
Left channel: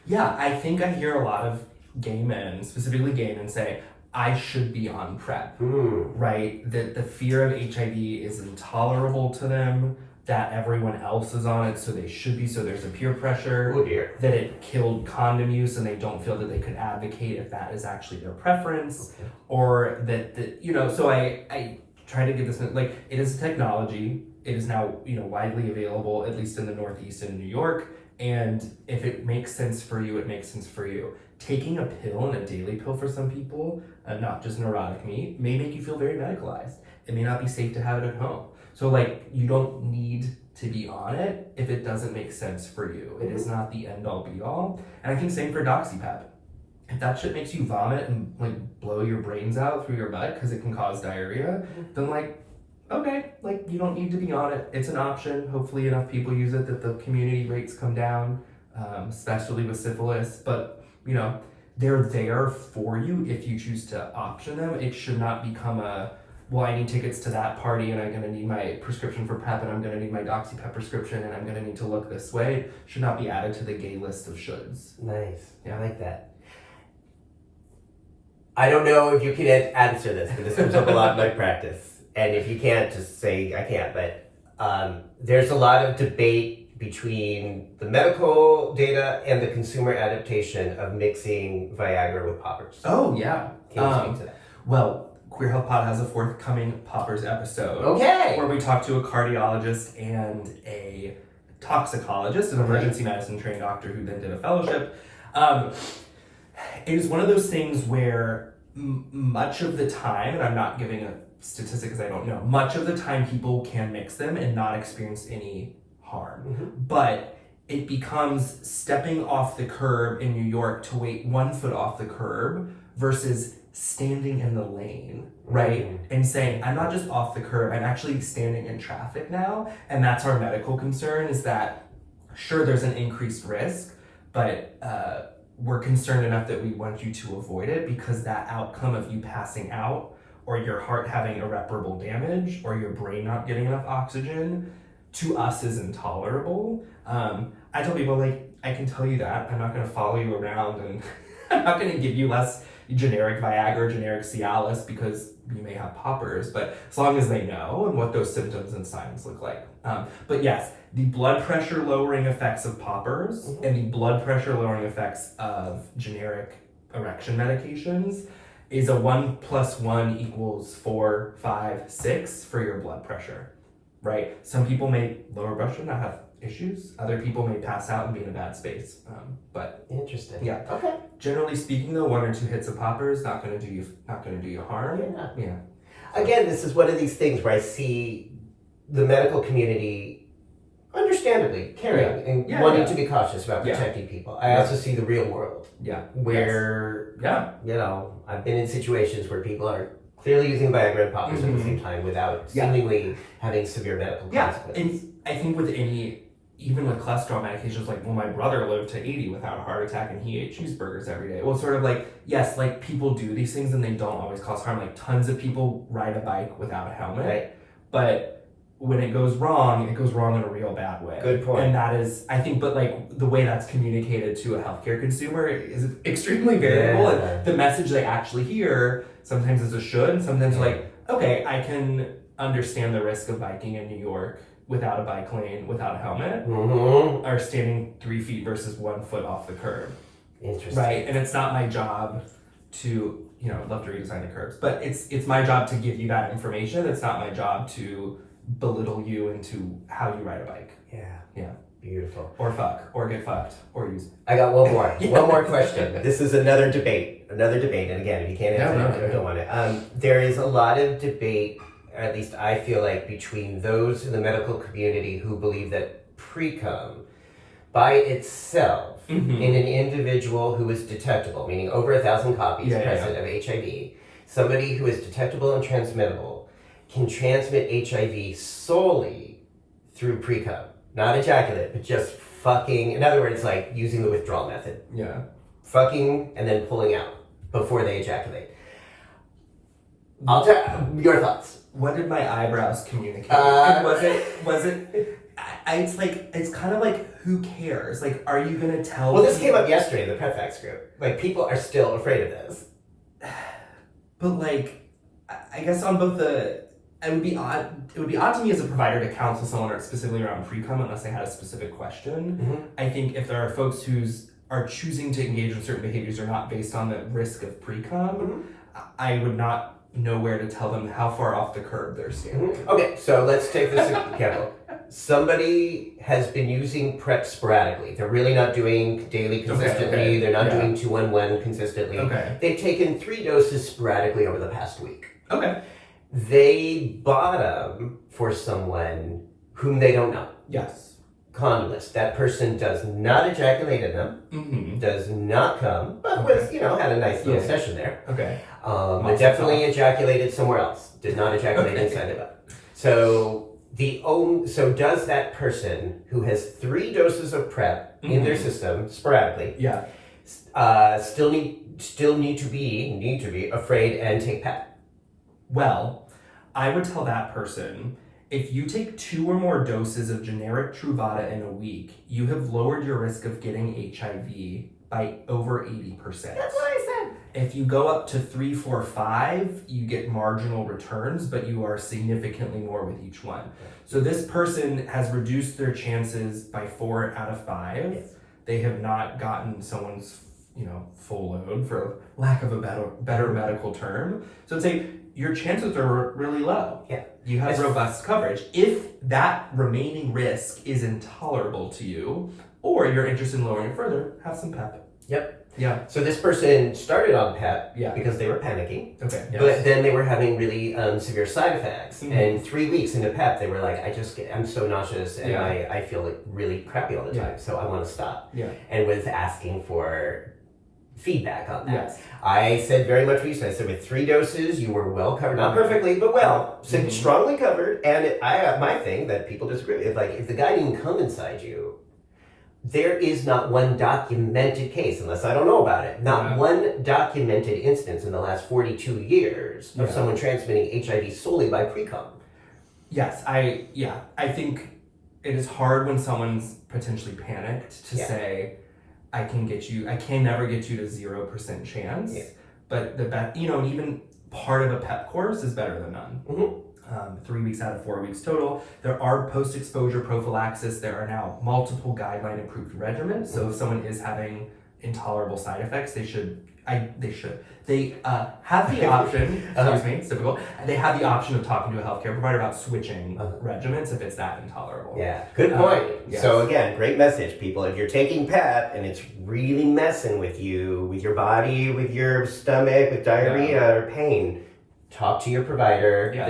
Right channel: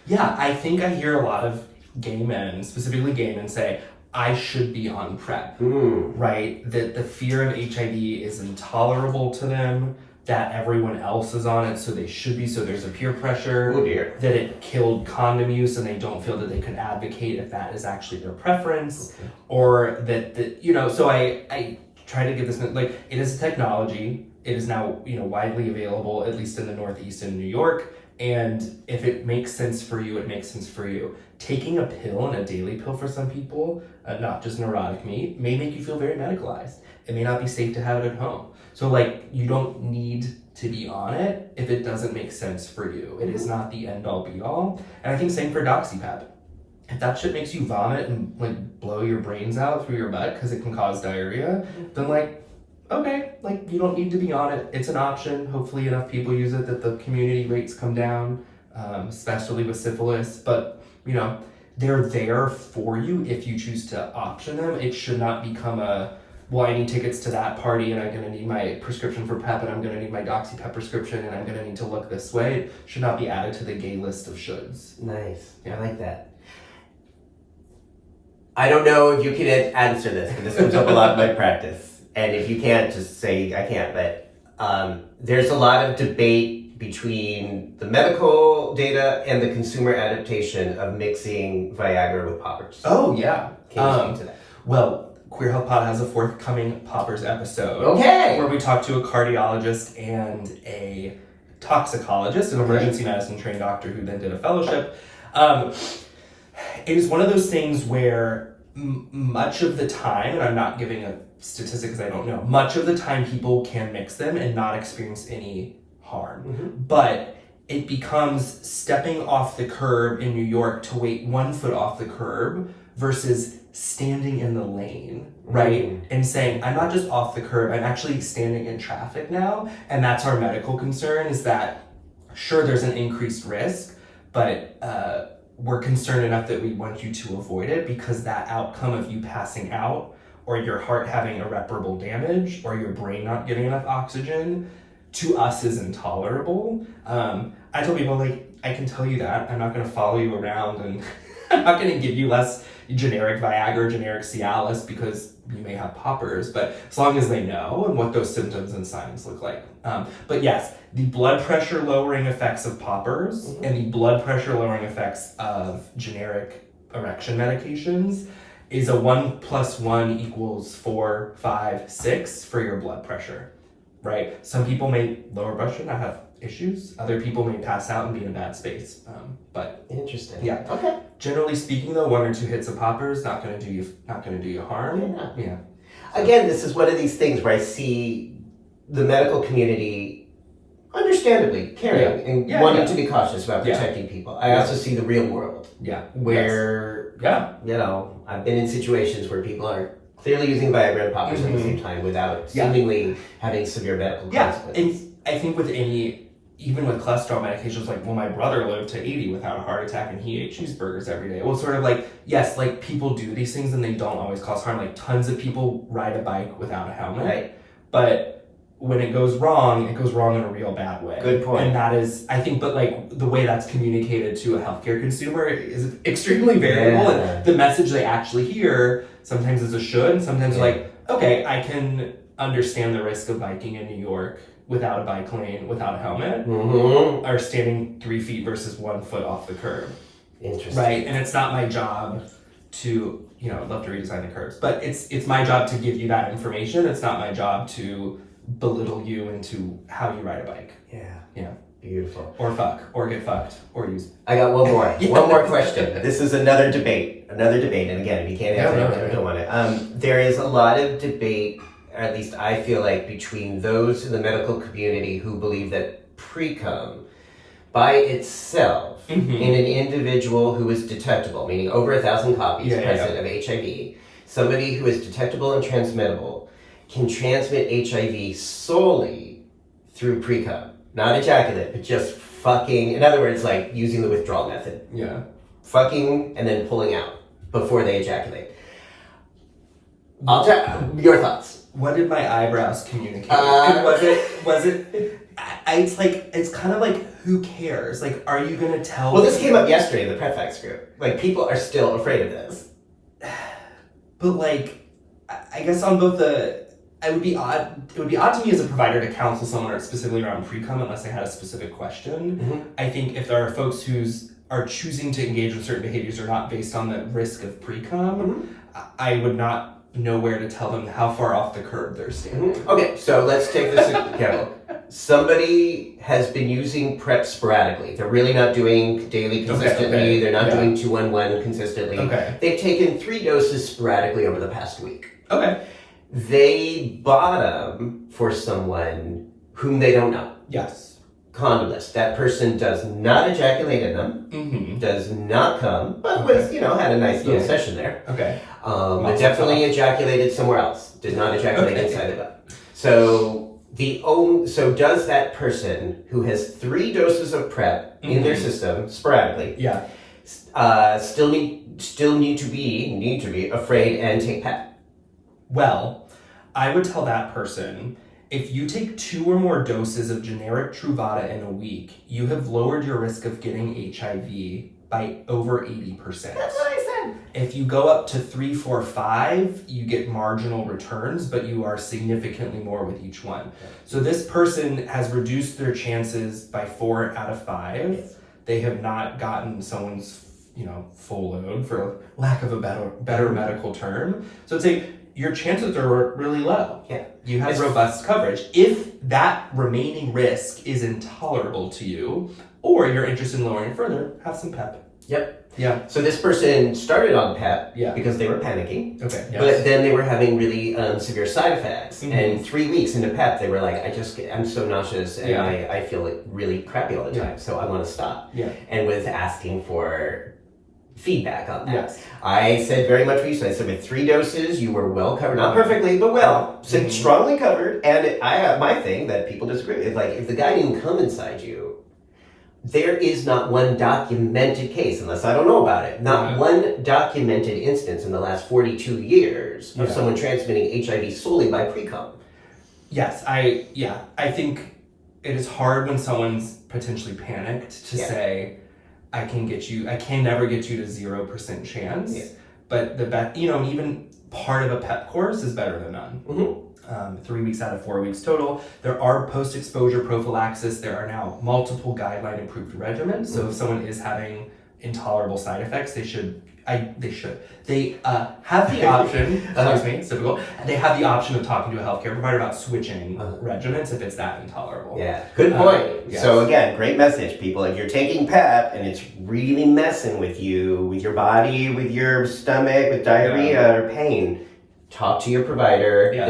Yeah, I think I hear a lot of gay men, specifically gay men, say, I should be on PrEP, Mm. right? That the fear of HIV is intolerable to them, that everyone else is on it, so they should be, so there's a peer pressure, Oh dear. that it killed condom use and they don't feel that they could advocate if that is actually their preference, Okay. or that, you know, so I try to give this, like, it is a technology, it is now, you know, widely available, at least in the Northeast in New York, and if it makes sense for you, it makes sense for you. Taking a pill and a daily pill for some people, not just neurotic me, may make you feel very medicalized. It may not be safe to have it at home. So like, you don't need to be on it if it doesn't make sense for you. It is not the end all be all. And I think same for DoxyPEP. If that shit makes you vomit and like blow your brains out through your butt because it can cause diarrhea, then like, okay, like you don't need to be on it. It's an option. Hopefully enough people use it that the community rates come down, especially with syphilis. But you know, they're there for you if you choose to option them. It should not become a, well, I need tickets to that party and I'm gonna need my prescription for PEP and I'm gonna need my DoxyPEP prescription and I'm gonna need to look this way. It should not be added to the gay list of shoulds. Nice. Yeah. I like that. I don't know if you can answer this, but this comes up a lot in my practice. And if you can't, just say I can't. But there's a lot of debate between the medical data and the consumer adaptation of mixing Viagra with poppers. Oh, yeah. Can you speak to that? Well, Queer Health Pod has a forthcoming Poppers episode. Okay. Where we talk to a cardiologist and a toxicologist, an emergency medicine trained doctor who then did a fellowship. It is one of those things where much of the time, and I'm not giving a statistic because I don't know, much of the time people can mix them and not experience any harm. Mm-hmm. But it becomes stepping off the curb in New York to wait 1 foot off the curb versus standing in the lane, right? Mm. And saying, I'm not just off the curb, I'm actually standing in traffic now. And that's our medical concern, is that sure, there's an increased risk, but we're concerned enough that we want you to avoid it, because that outcome of you passing out or your heart having irreparable damage or your brain not getting enough oxygen to us is intolerable. I tell people, like, I can tell you that. I'm not gonna follow you around and I'm not gonna give you less generic Viagra or generic Cialis because you may have poppers, but as long as they know and what those symptoms and signs look like. But yes, the blood pressure lowering effects of poppers and the blood pressure lowering effects of generic erection medications is a 1 + 1 = 4, 5, 6 for your blood pressure, right? Some people may lower blood pressure, not have issues. Other people may pass out and be in a bad space. But Interesting. yeah. Okay. Generally speaking, though, 1 or 2 hits of poppers not gonna do you harm. Yeah. Again, this is one of these things where I see the medical community understandably caring and wanting to be cautious about protecting people. I also see the real world where, you know, I've been in situations where people are clearly using Viagra and poppers at the same time without seemingly having severe medical consequences. And I think with even with cholesterol medications, like, well, my brother lived to 80 without a heart attack and he ate cheeseburgers every day. Well, sort of like, yes, like people do these things and they don't always cause harm. Like tons of people ride a bike without a helmet. Right. But when it goes wrong in a real bad way. Good point. And that is, I think, but like the way that's communicated to a healthcare consumer is extremely variable. Yeah. And the message they actually hear sometimes is a should, and sometimes like, okay, I can understand the risk of biking in New York without a bike lane, without a helmet, or standing 3 feet versus 1 foot off the curb. Interesting. Right? And it's not my job to, you know, I'd love to redesign the curbs, but it's my job to give you that information. It's not my job to belittle you into how you ride a bike. Yeah. Beautiful. Or fuck, or get fucked, or use. I got one more. One more question. This is another debate. And again, if you can't answer it, I don't want it. There is a lot of debate, at least I feel like, between those in the medical community who believe that precum by itself in an individual who is detectable, meaning over 1,000 copies present of HIV, somebody who is detectable and transmittable can transmit HIV solely through precum. Not ejaculate, but just fucking, in other words, like using the withdrawal method. Yeah. Fucking and then pulling out before they ejaculate. Your thoughts. What did my eyebrows communicate? Was it? It's like, it's kind of like, who cares? Like, are you gonna tell? Well, this came up yesterday in the PrEP group. Like, people are still afraid of this. But like, I guess on both it would be odd to me as a provider to counsel someone specifically around precum unless they had a specific question. Mm-hmm. I think if there are folks who are choosing to engage with certain behaviors or not based on the risk of precum, I would not know where to tell them how far off the curb they're standing. Okay, so let's take this example. Somebody has been using PrEP sporadically. They're really not doing daily consistently. Okay. They're not doing 2-1-1 consistently. Okay. They've taken 3 doses sporadically over the past week. Okay. They bought them for someone whom they don't know. Yes. Condomless. That person does not ejaculate in them, does not come, but was, had a nice little session there. Okay. But definitely ejaculated somewhere else. Did not ejaculate inside of it. So does that person who has 3 doses of PrEP in their system sporadically, still need to be afraid and take PEP? Well, I would tell that person, if you take 2 or more doses of generic Truvada in a week, you have lowered your risk of getting HIV by over 80%. That's what I said. If you go up to 3, 4, 5, you get marginal returns, but you are significantly more with each one. Yeah. So this person has reduced their chances by 4 out of 5. Yes. They have not gotten someone's, full load, for lack of a better medical term. So it's your chances are really low. Yeah. You have robust coverage. If that remaining risk is intolerable to you, or you're interested in lowering it further, have some PEP. Yep. Yeah. So this person started on PEP because they were panicking. Okay. Yes. But then they were having really severe side effects. And 3 weeks into PEP, they were like, I'm so nauseous and I feel like really crappy all the time. So I want to stop. Yeah. And was asking for feedback on that. Yes. I said very much recently, I said with 3 doses, you were well covered. Not perfectly, but well. So strongly covered. And my thing that people disagree with, like, if the guy didn't come inside you, there is not one documented case, unless I don't know about it, not one documented instance in the last 42 years of someone transmitting HIV solely by precum. Yes, I think it is hard when someone's potentially panicked to say, I can never get you to 0% chance. Yeah. But even part of a PEP course is better than none. 3 weeks out of 4 weeks total. There are post-exposure prophylaxis. There are now multiple guideline-approved regimens. So if someone is having intolerable side effects, they have the option, excuse me, it's difficult. They have the option of talking to a healthcare provider about switching regimens if it's that intolerable. Yeah, good point. Yes. So again, great message, people. If you're taking PEP and it's really messing with you, with your body, with your stomach, with diarrhea or pain, talk to your provider. Yes.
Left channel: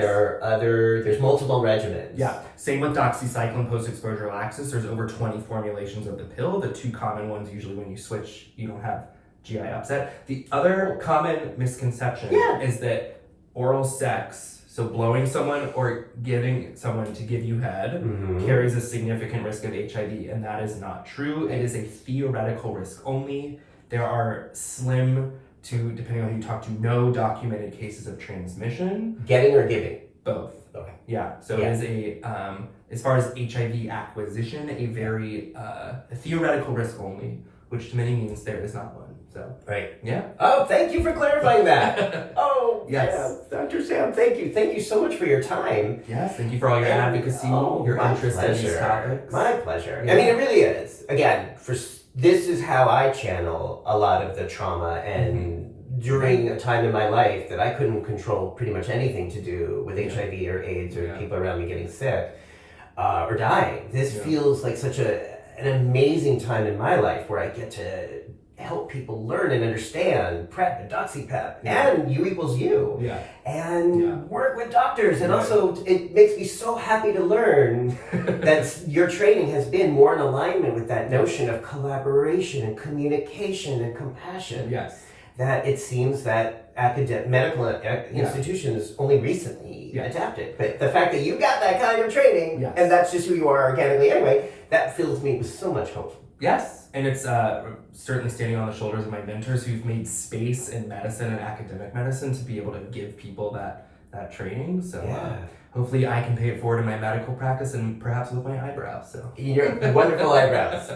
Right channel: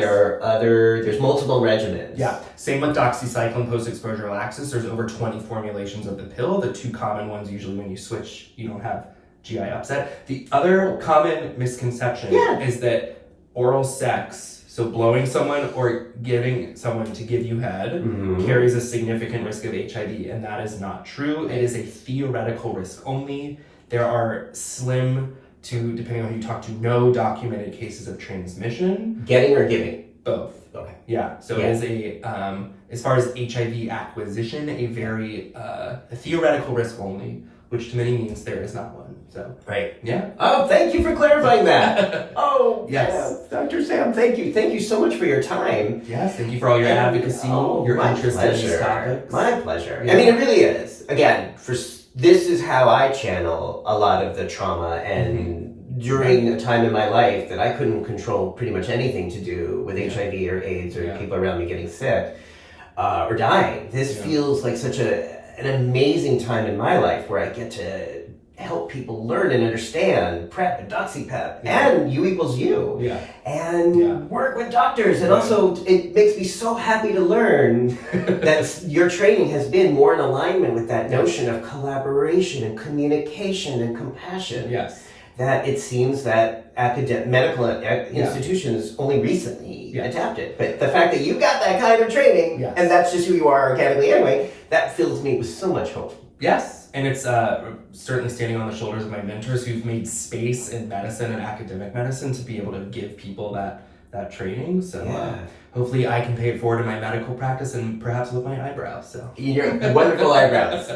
There's multiple regimens. Yeah, same with doxycycline post-exposure laxus. There's over 20 formulations of the pill. The 2 common ones, usually when you switch, you don't have GI upset. The other common misconception is that oral sex, so blowing someone or giving someone to give you head, carries a significant risk of HIV, and that is not true. It is a theoretical risk only. There are slim to, depending on who you talk to, no documented cases of transmission. Getting or giving? Both. Okay. Yeah, so it is as far as HIV acquisition, a very a theoretical risk only, which to many means there is not one. So right. Yeah. Oh, thank you for clarifying that. Yes. Yeah. Dr. Sam, thank you. Thank you so much for your time. Yes, thank you for all your advocacy, your interest in these topics. My pleasure. Yeah. I mean, it really is. Again, this is how I channel a lot of the trauma and during a time in my life that I couldn't control pretty much anything to do with HIV or AIDS or people around me getting sick or dying. This feels like such an amazing time in my life where I get to help people learn and understand PrEP and DoxyPEP and U equals U and work with doctors. And also it makes me so happy to learn that your training has been more in alignment with that notion of collaboration and communication and compassion. Yes. That it seems that medical institutions only recently adapted. But the fact that you got that kind of training and that's just who you are organically anyway, that fills me with so much hope. Yes, and it's certainly standing on the shoulders of my mentors who've made space in medicine and academic medicine to be able to give people that training. So hopefully I can pay it forward in my medical practice and perhaps with my eyebrows. So your wonderful eyebrows.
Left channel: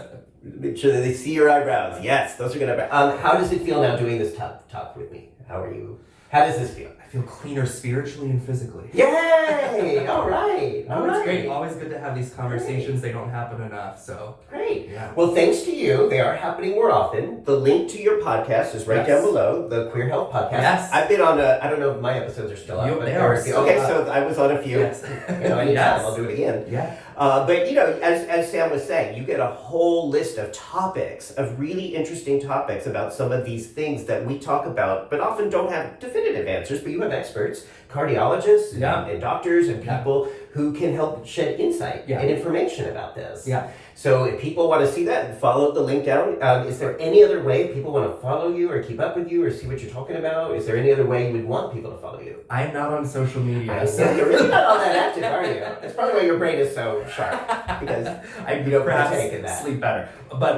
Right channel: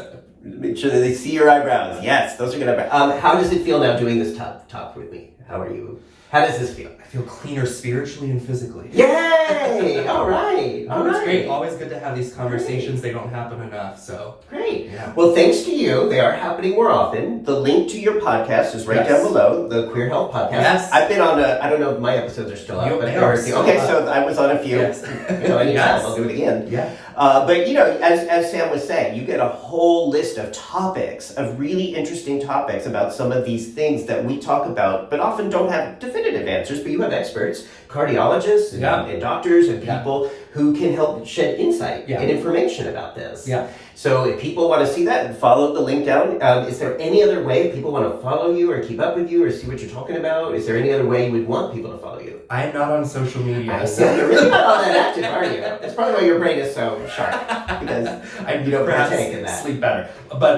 Make sure that they see your eyebrows. Yes, those are good eyebrows. How does it feel now doing this talk with me? How are you? How does this feel? I feel cleaner spiritually and physically. Yay! All right. All It's right. great. Always good to have these conversations. They don't happen enough. So Great. yeah. Well, thanks to you, they are happening more often. The link to your podcast is right Yes. down below, the Queer Health Podcast. Yes. I've been on I don't know if my episodes are still up. But They are still okay, up. so I was on a few. Yes. Anytime, Yes. I'll do it again. Yeah. But as Sam was saying, you get a whole list of topics, of really interesting topics about some of these things that we talk about, but often don't have definitive answers. But you have experts, cardiologists, and doctors, and people who can help shed insight and information about this. Yeah. So if people want to see that, follow the link down. Is there any other way people want to follow you or keep up with you or see what you're talking about? Is there any other way you would want people to follow you? I am not on social media. So you're really not all that active, are you? That's probably why your brain is so sharp, because I you don't perhaps partake in that. sleep better. But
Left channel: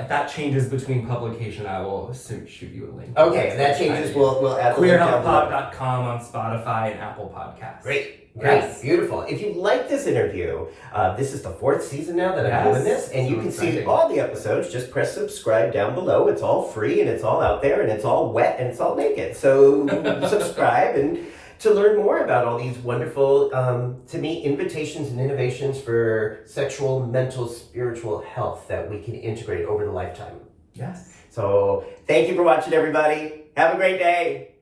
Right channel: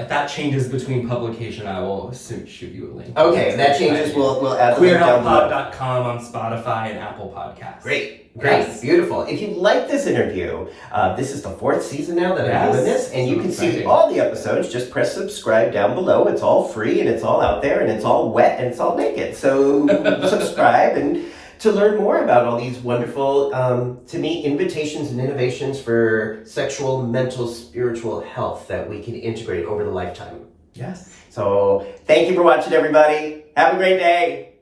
if that changes between publication, I will shoot you a link. Okay, if that changes, we'll add the link down below. QueerHealthPod.com on Spotify and Apple Podcasts. Great. Yes. Beautiful. If you like this interview, this is the 4th season now that I'm doing this, and you can see exciting. all the episodes. Just press subscribe down below. It's all free, and it's all out there, and it's all wet, and it's all naked. So subscribe and to learn more about all these wonderful, to me, invitations and innovations for sexual, mental, spiritual health that we can integrate over the lifetime. Yes. So thank you for watching, everybody. Have a great day.